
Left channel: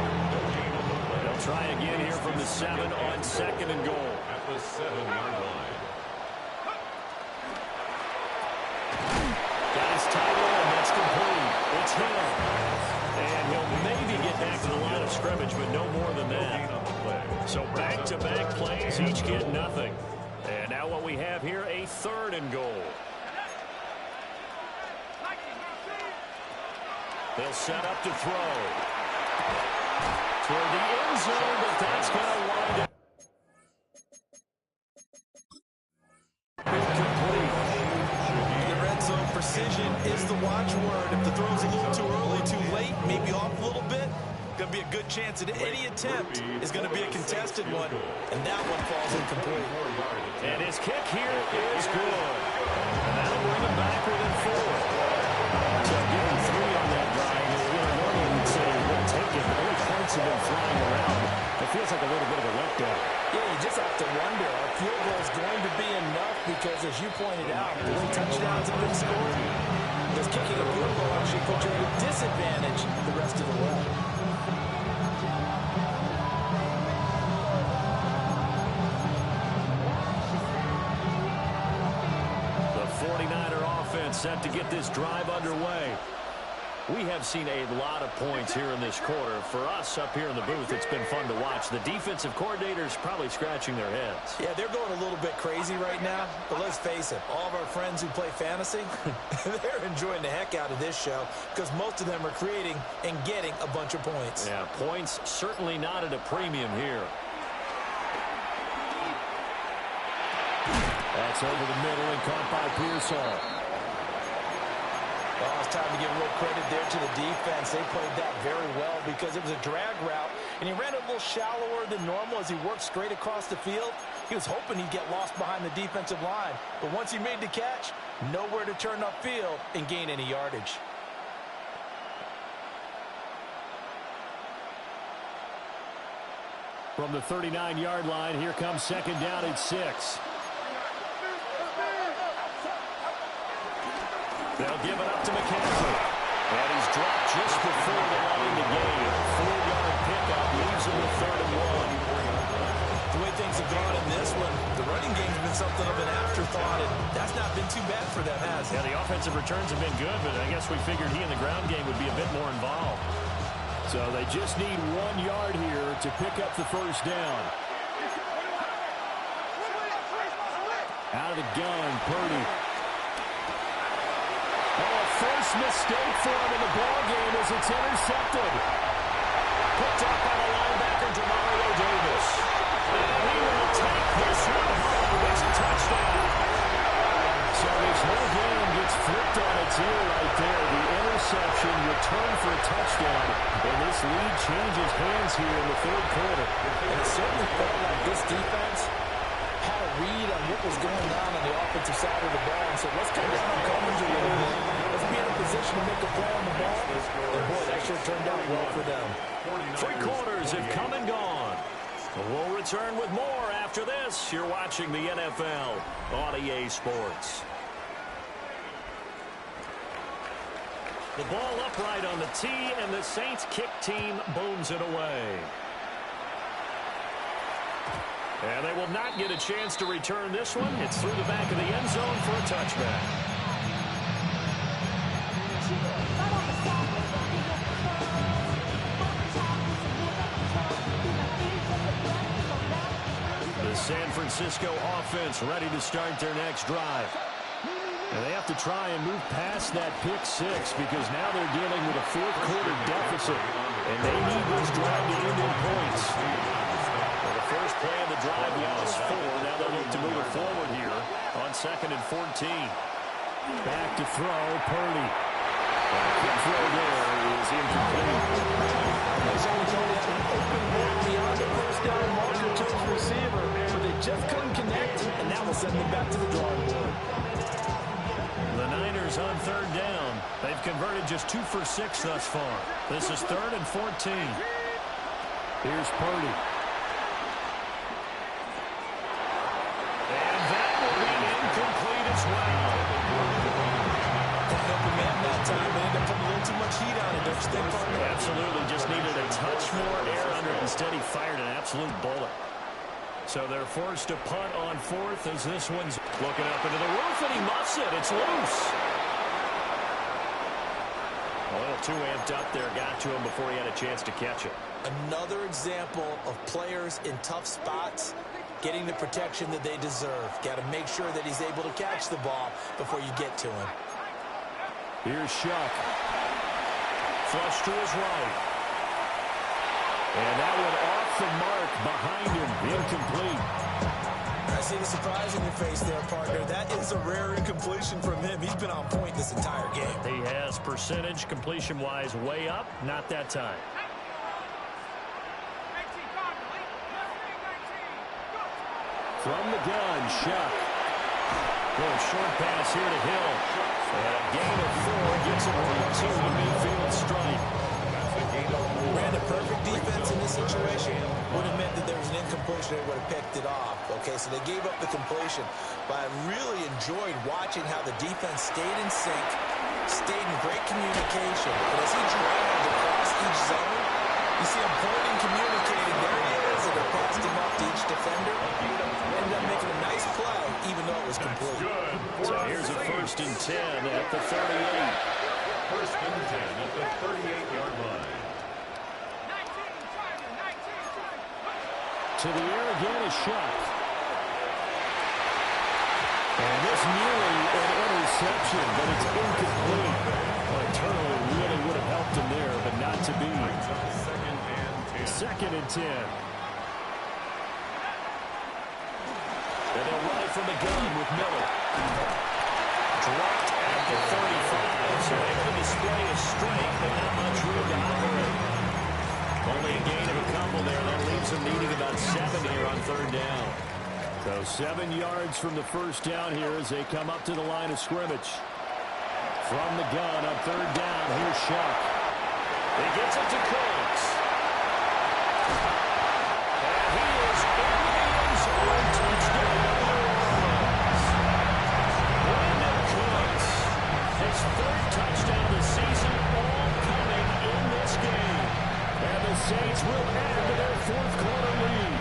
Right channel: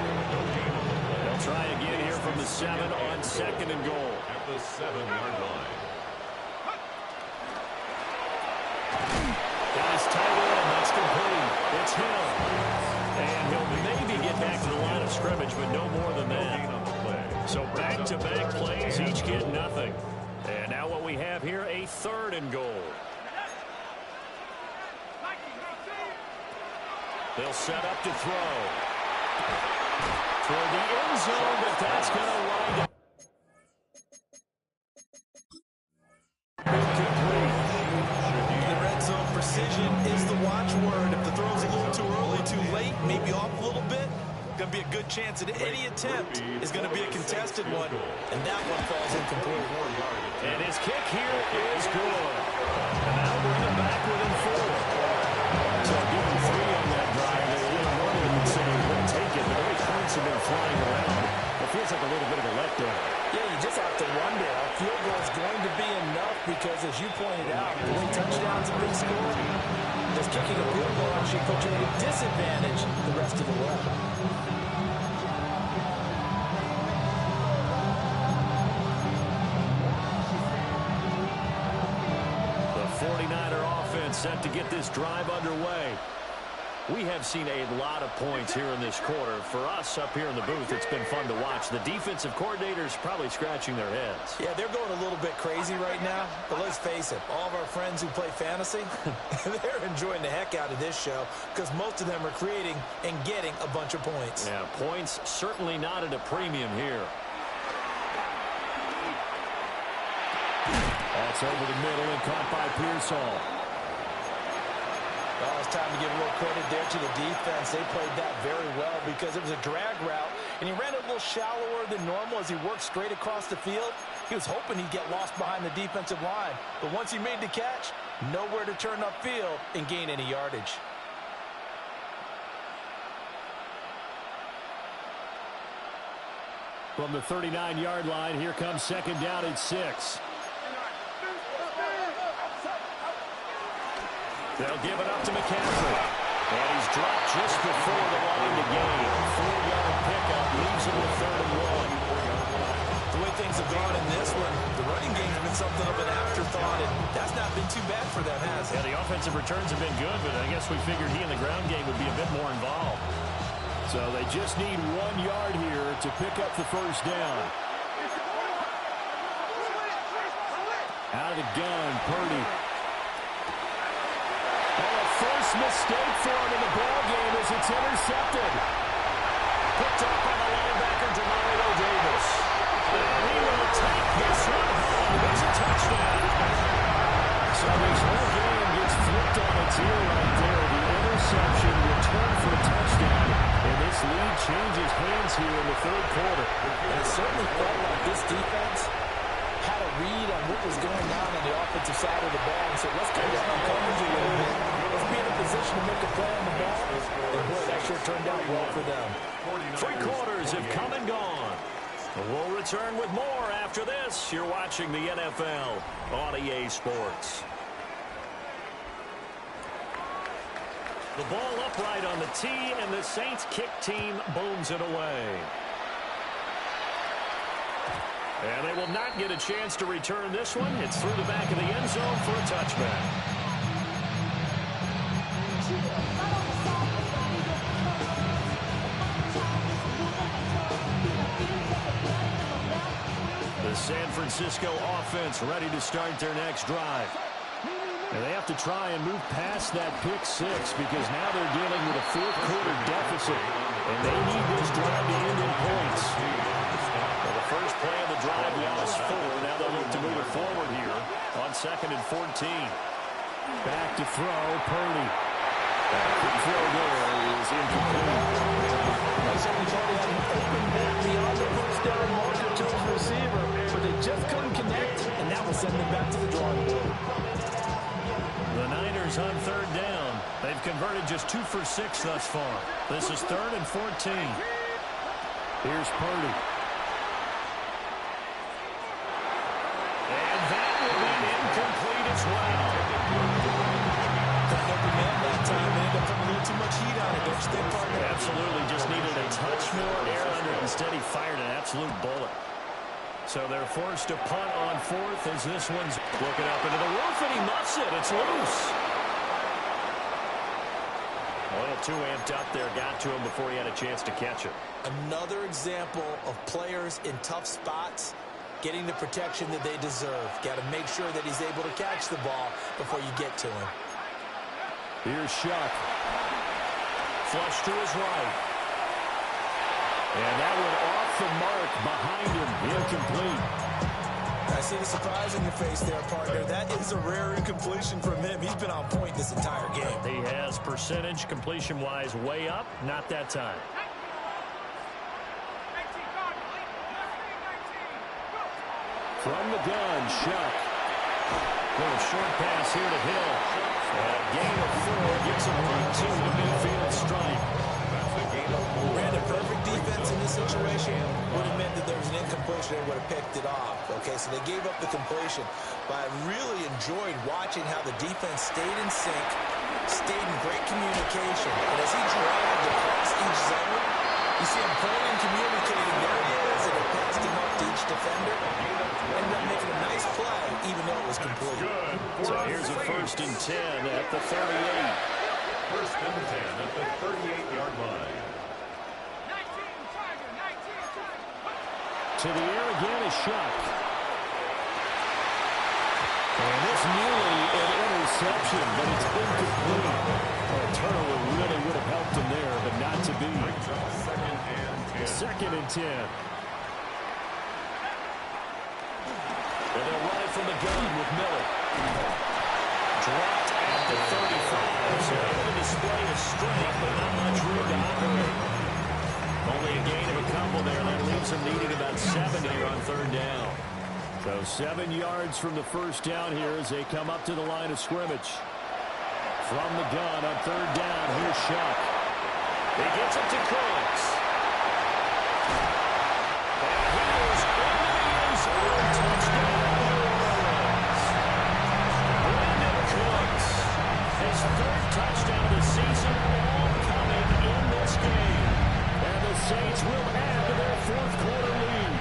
They'll try again here from the 7 on second and goal. At the 7-yard line. Got his tight end. That's complete. It's him. And he'll maybe get back to the line of scrimmage, but no more than that. So back-to-back plays, each get nothing. And now what we have here, a third and goal. They'll set up to throw. Toward the end zone, but that's going to wind up. The red zone for precision is the watchword. If the throw's a little too early, too late, maybe off a little bit, going to be a good chance that any attempt is going to be a contested one, and that one falls incomplete. And his kick here is good. And that'll bring him back within 4. So give him 3 on that drive. Normally we'd say we'll take it, but the way points have been flying around, it feels like a little bit of a letdown. Yeah, you just have to wonder, are field goals going to be enough? Because as you pointed out, the way touchdowns have been scored, does kicking a field goal actually put you at a disadvantage the rest of the way? The 49er offense set to get this drive underway. We have seen a lot of points here in this quarter. For us up here in the booth, it's been fun to watch. The defensive coordinators probably scratching their heads. Yeah, they're going a little bit crazy right now. But let's face it, all of our friends who play fantasy, they're enjoying the heck out of this show because most of them are creating and getting a bunch of points. Yeah, points certainly not at a premium here. That's over the middle and caught by Pearsall. Oh, it's time to give a little credit there to the defense. They played that very well because it was a drag route, and he ran it a little shallower than normal as he worked straight across the field. He was hoping he'd get lost behind the defensive line, but once he made the catch, nowhere to turn upfield and gain any yardage. From the 39-yard line, here comes second down at 6. They'll give it up to McCaffrey. And he's dropped just before the line to gain. 4-yard pickup leaves him with 3rd and 1. The way things have gone in this one, the running game's been something of an afterthought, and that's not been too bad for them, has it? Yeah, the offensive returns have been good, but I guess we figured he in the ground game would be a bit more involved. So they just need 1 yard here to pick up the first down. Out of the gun, Purdy. Oh, a first mistake for him in the ball game as it's intercepted. Picked up by the linebacker, Demario Davis. And he will take this one home. It's a touchdown. So this whole game gets flipped on its ear right there. The interception returned for a touchdown. And this lead changes hands here in the 3rd quarter. And it certainly felt like this defense had a read on what was going on the offensive side of the ball and said, let's cut down on coverage a little bit. Let's be in a position to make a play on the ball. And boy, that sure turned out well for them. 3 quarters have come and gone. We'll return with more after this. You're watching the NFL on EA Sports. The ball upright on the tee, and the Saints kick team booms it away. And they will not get a chance to return this one. It's through the back of the end zone for a touchback. The San Francisco offense ready to start their next drive. And they have to try and move past that pick 6 because now they're dealing with a 4th quarter deficit. And they need this drive to end in points. Well, the first play of the drive lost 4. Now they'll look to move it forward here on 2nd and 14. Back to throw, Purdy. That quick throw there is incomplete. They certainly thought he had an open look beyond the first down marker to his receiver, but they just couldn't connect, and that will send them back to the drawing board. The Niners on 3rd down. They've converted just 2 for 6 thus far. This is 3rd and 14. Here's Purdy. And that will be incomplete as well. That open man that time, they ended up putting a little too much heat on it, don't you think, partner? Absolutely. Just needed a touch more air under it. Instead, he fired an absolute bullet. So they're forced to punt on 4th as this one's looking up into the roof, and he muffs it. It's loose. A little too amped up there. Got to him before he had a chance to catch it. Another example of players in tough spots getting the protection that they deserve. Got to make sure that he's able to catch the ball before you get to him. Here's Shuck. Flush to his right. And that one off the mark behind him. Incomplete. I see the surprise in your face there, partner. That is a rare incompletion from him. He's been on point this entire game. He has percentage completion-wise way up. Not that time. From the gun, Shuck. Little short pass here to Hill. And a gain of 4 gets him right to the midfield stripe. That's a gain of 4. Ran a perfect defense in this situation. Would have meant that there was an incompletion. They would have picked it off. Okay, so they gave up the completion. But I really enjoyed watching how the defense stayed in sync, stayed in great communication. And as he dragged across each zone, you see him pointing, communicating. There he is, and it passed him up to each defender. Ended up making a nice play, even though it was complete. So here's a 1st and 10 at the 38. 1st and 10 at the 38-yard line. To the air again is Shuck. And this nearly an interception, but it's incomplete. Well, a turnover really would have helped him there, but not to be. 2nd and 10. 2nd and 10. And they'll run it from the gun with Miller. Dropped at the 35, so able to display his strength, but not much room to operate. Only a gain of a couple there. That leaves him needing about 7 here on 3rd down. So 7 yards from the 1st down here as they come up to the line of scrimmage. From the gun on 3rd down, here's Shuck. He gets it to Cooks. And he is into the end zone. Touchdown, New Orleans. Brandon Cooks, his 3rd touchdown of the season, all coming in this game. And the Saints will add to their 4th quarter lead.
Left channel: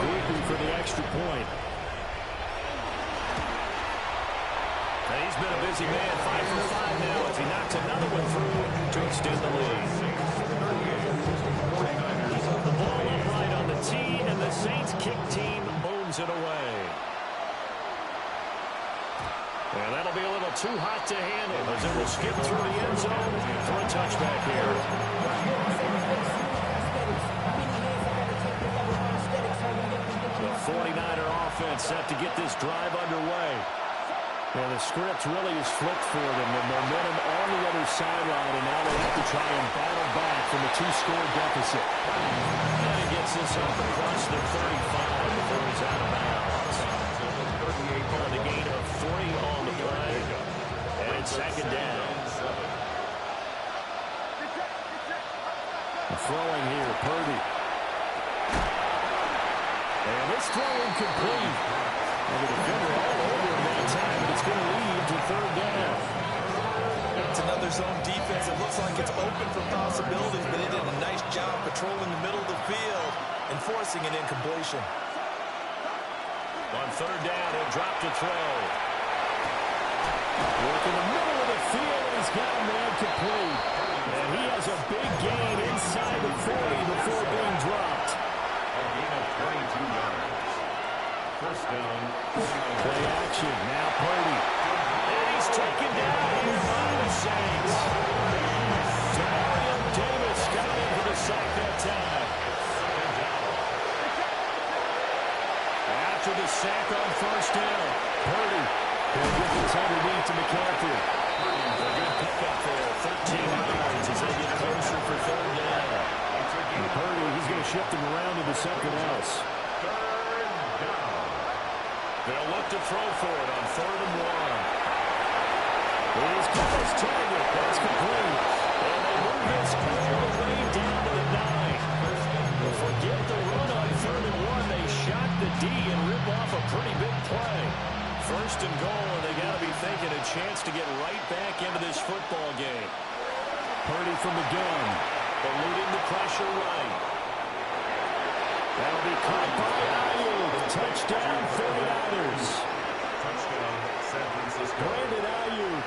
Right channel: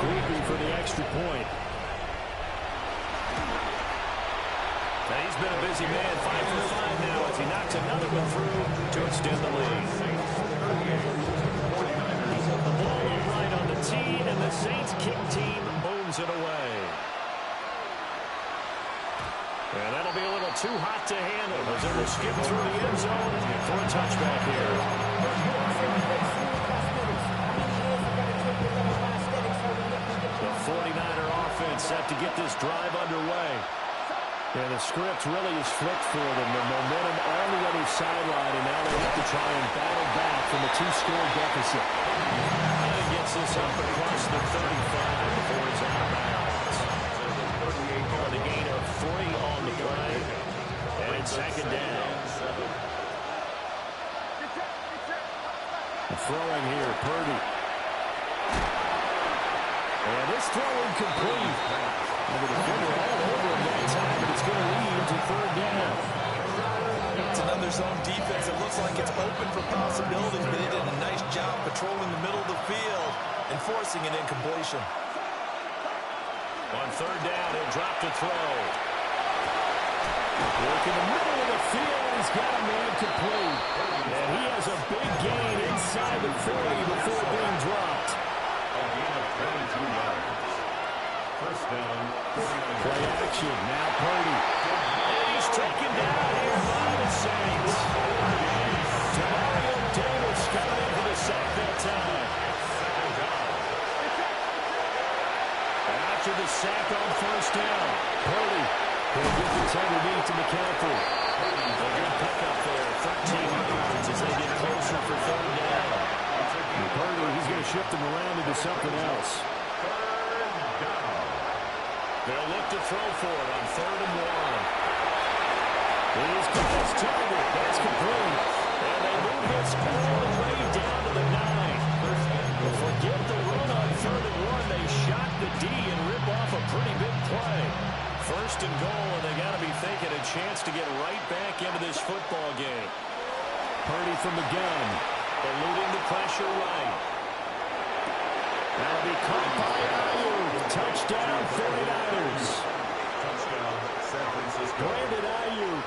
Creepy for the extra point. Now he's been a busy man, 5 for 5 now as he knocks another one through to extend the lead. The ball upright on the tee, and the Saints kick team booms it away. And that'll be a little too hot to handle as it will skip through the end zone for a touchback here. The 49er offense set to get this drive underway. And the script really is flipped for them. The momentum on the other sideline, and now they have to try and battle back from a 2-score deficit. And he gets this up across the 35 before he's out of bounds. On the gain of 3 on the play. And it's 2nd down. Throwing here, Purdy. And this throw incomplete. And the defender all over him that time, but it's going to lead to 3rd down. It's another zone defense. It looks like it's open for possibilities, but they did a nice job patrolling the middle of the field and forcing an incompletion. On 3rd down, he'll drop to throw. Work in the middle of the field, and he's got a man complete. And he has a big gain inside the 40 before being dropped. A gain of 22 yards. 1st down. Play action. Now Purdy. And he's taken down here by the Saints. Demario Davis coming in for the sack that time. 2nd down. After the sack on 1st down, Purdy. He'll get this underneath to McCaffrey. A good pickup there. 13 yards as they get closer for 3rd down. And Purdy, he's going to shift them around into something else. 3rd down. They'll look to throw for it on 3rd and 1. He's got his target. That's complete. And they move this all the way down to the 9. Forget the run on 3rd and 1. They shock the D and rip off a pretty big play. 1st and goal, and they got to be thinking a chance to get right back into this football game. Purdy from the gun, eluding the pressure right. That'll be caught by Ayuk. Touchdown, 49ers. Touchdown, San Francisco. Brandon Ayuk,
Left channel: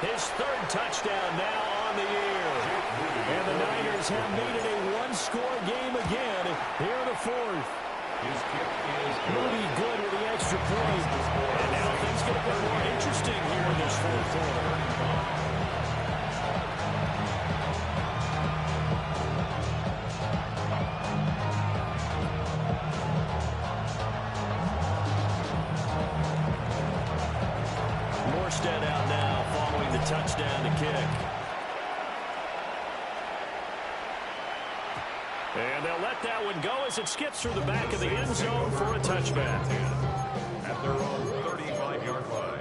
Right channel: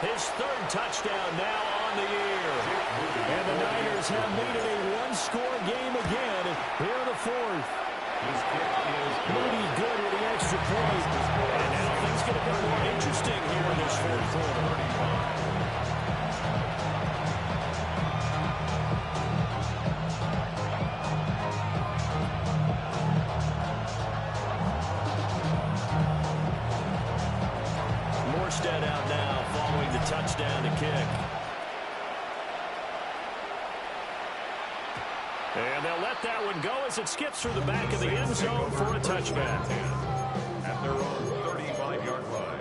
his 3rd touchdown now on the year. And the Niners have made it a 1-score game again here in the 4th. His kick is good. Moody good with the extra point. And now things get a bit more interesting here in this 4th quarter. Armstead out now following the touchdown to kick. And they'll let that one go as it skips through the back of the end zone for a touchback. At their own 35-yard line.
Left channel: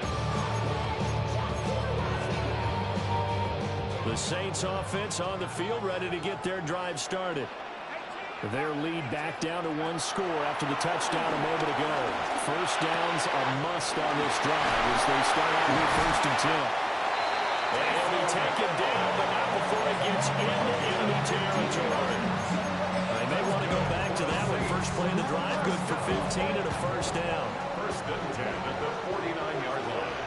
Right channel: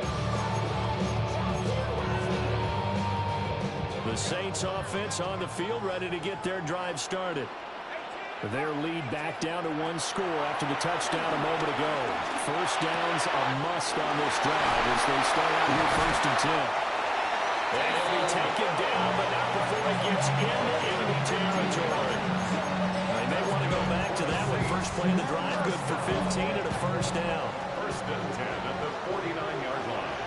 The Saints offense on the field ready to get their drive started. Their lead back down to one score after the touchdown a moment ago. First down's a must on this drive as they start out here 1st and 10. And he'll be taken down, but not before he gets into enemy territory. They may want to go back to that one. First play of the drive, good for 15 and a first down. 1st and 10 at the 49-yard line.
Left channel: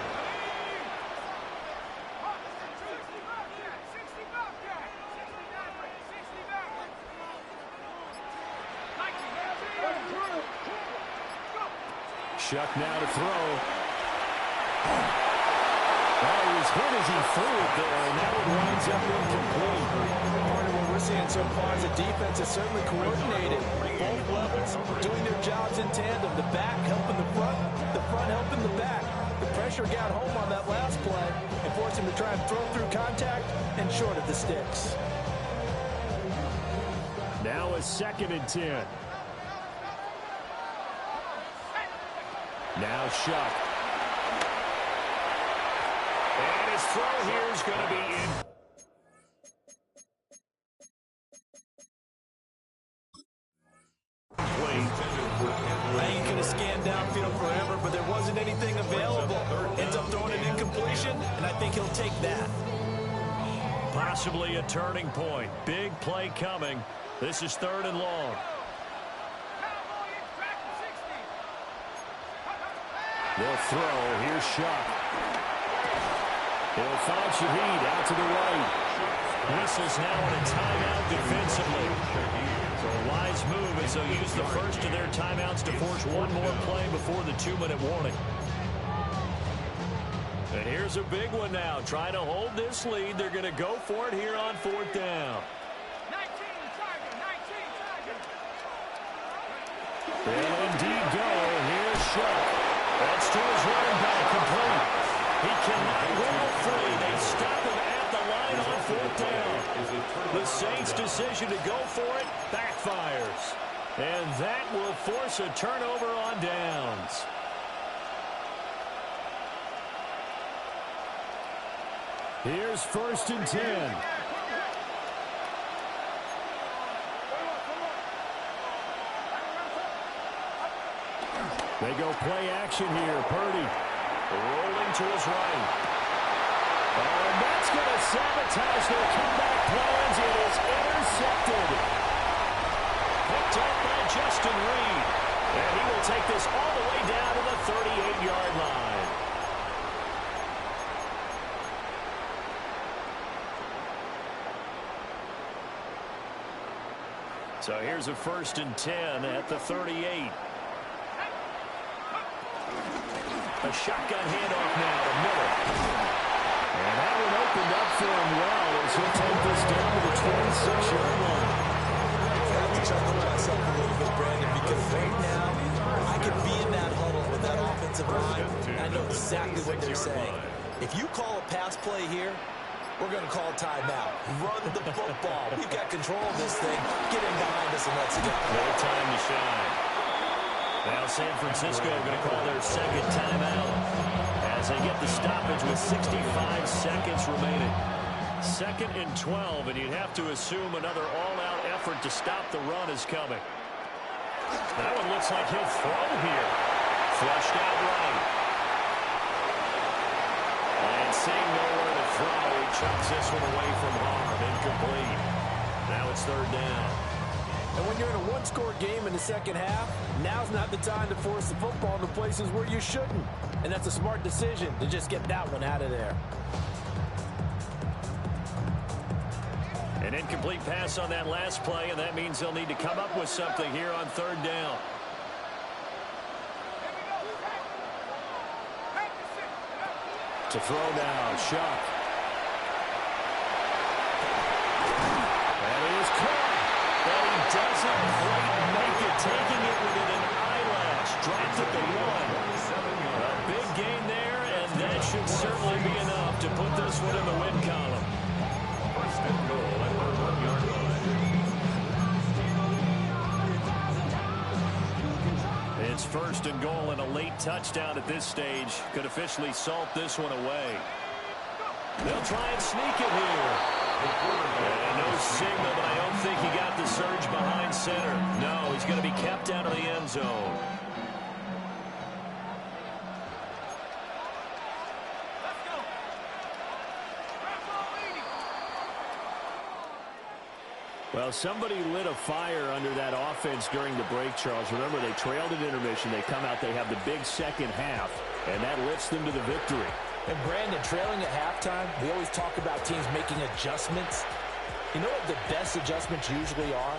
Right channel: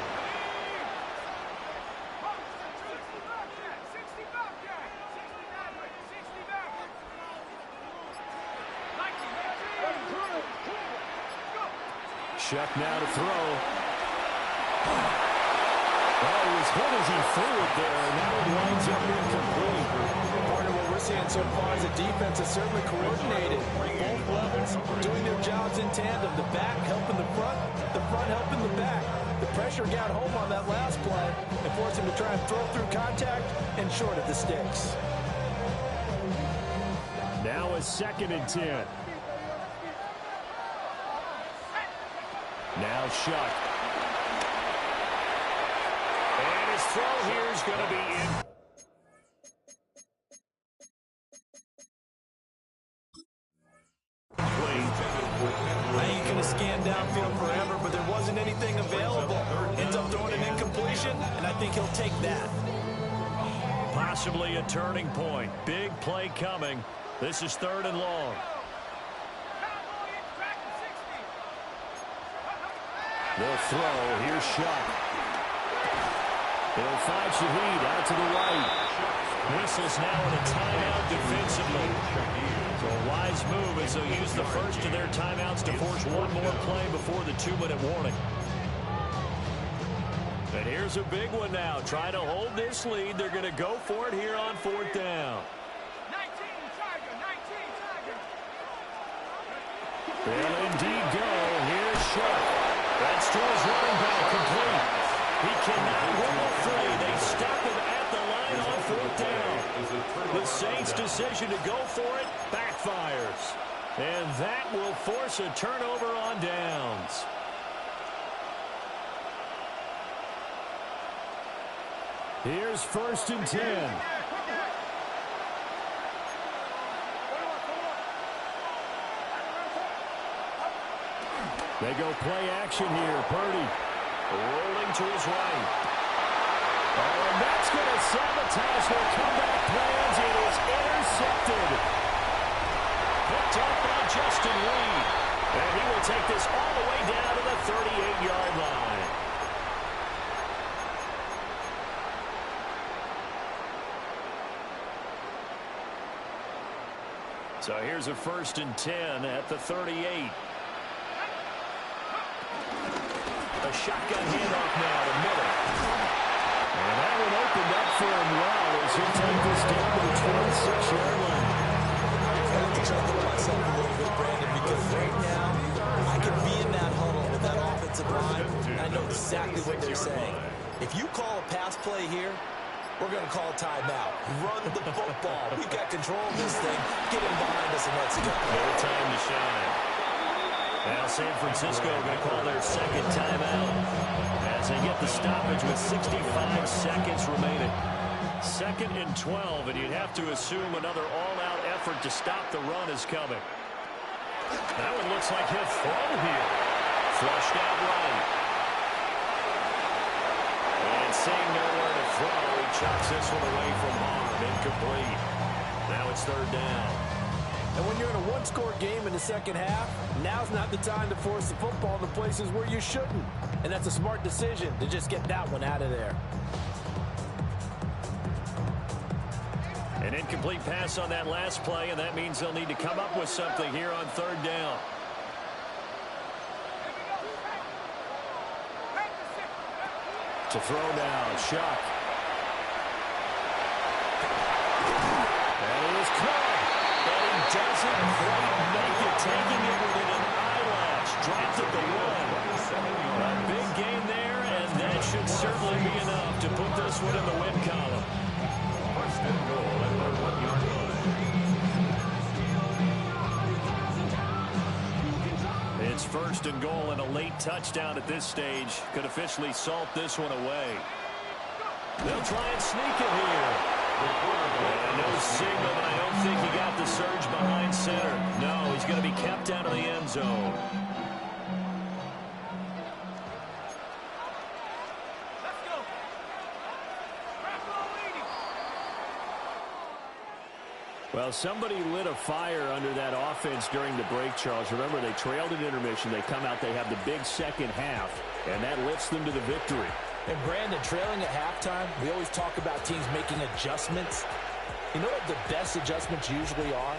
Shuck now to throw. Oh, he was hit as he threw it there, and that one winds up incomplete. Part of what we're seeing so far is the defense is certainly coordinated. Both levels doing their jobs in tandem. The back helping the front helping the back. The pressure got home on that last play and forced him to try and throw through contact and short of the sticks. Now a 2nd and 10. Now Shuck. And his throw here is going to be in. I ain't going to scan downfield forever, but there wasn't anything available. Ends up throwing an incompletion, and I think he'll take that. Possibly a turning point. Big play coming. This is 3rd and long. They'll throw. Here's Shuck. He'll find Shaheed out to the right. Whistles now in a timeout defensively. So a wise move as they'll use the first of their timeouts to force one more play before the 2-minute warning. And here's a big one now. Trying to hold this lead. They're going to go for it here on 4th down. 19 Tiger. They'll indeed go. Here's Shuck. That's to his running back, complete. He cannot wiggle free. They stop him at the line on 4th down. The Saints' decision to go for it backfires. And that will force a turnover on downs. Here's 1st and 10. They go play action here. Purdy rolling to his right. Oh, and that's going to sabotage their comeback plans. It is intercepted. Picked up by Justin Reed. And he will take this all the way down to the 38-yard line. So here's a 1st and 10 at the 38. A shotgun handoff now to Miller. And that one opened up for him well as he'll take this down to the 26-yard line. I have to chuckle to myself a little bit, Brandon, because right now I could be in that huddle with that offensive line, and I know exactly what they're saying. If you call a pass play here, we're going to call a timeout. Run the football. We've got control of this thing. Get him behind us and let's go. No time to shine. Now San Francisco going to call their 2nd timeout as they get the stoppage with 65 seconds remaining. 2nd and 12, and you'd have to assume another all-out effort to stop the run is coming. That one looks like he'll throw here. Flushed out right. And seeing nowhere to throw, he chucks this one away from harm. Incomplete. Now it's 3rd down. And when you're in a one-score game in the second half, now's not the time to force the football in the places where you shouldn't. And that's a smart decision to just get that one out of there. An incomplete pass on that last play, and that means they'll need to come up with something here on 3rd down. To throw down, Shuck. That is caught. And he doesn't quite make it, taking it within an eyelash. Dropped at the 1. A big gain there, and that should certainly be enough to put this one in the win column. First and goal at the 1-yard line. It's first and goal, and a late touchdown at this stage could officially salt this one away. They'll try and sneak it here. And no signal, but I don't think he got the surge behind center. No, he's going to be kept out of the end zone. Well, somebody lit a fire under that offense during the break, Charles. Remember, they trailed at intermission. They come out, they have the big second half, and that lifts them to the victory. And Brandon, trailing at halftime, we always talk about teams making adjustments. You know what the best adjustments usually are?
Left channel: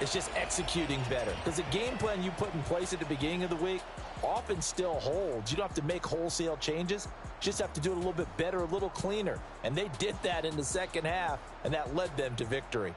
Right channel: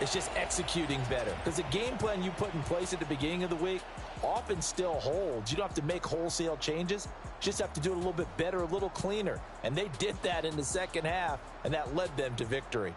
It's just executing better. Because the game plan you put in place at the beginning of the week often still holds. You don't have to make wholesale changes. Just have to do it a little bit better, a little cleaner. And they did that in the second half, and that led them to victory.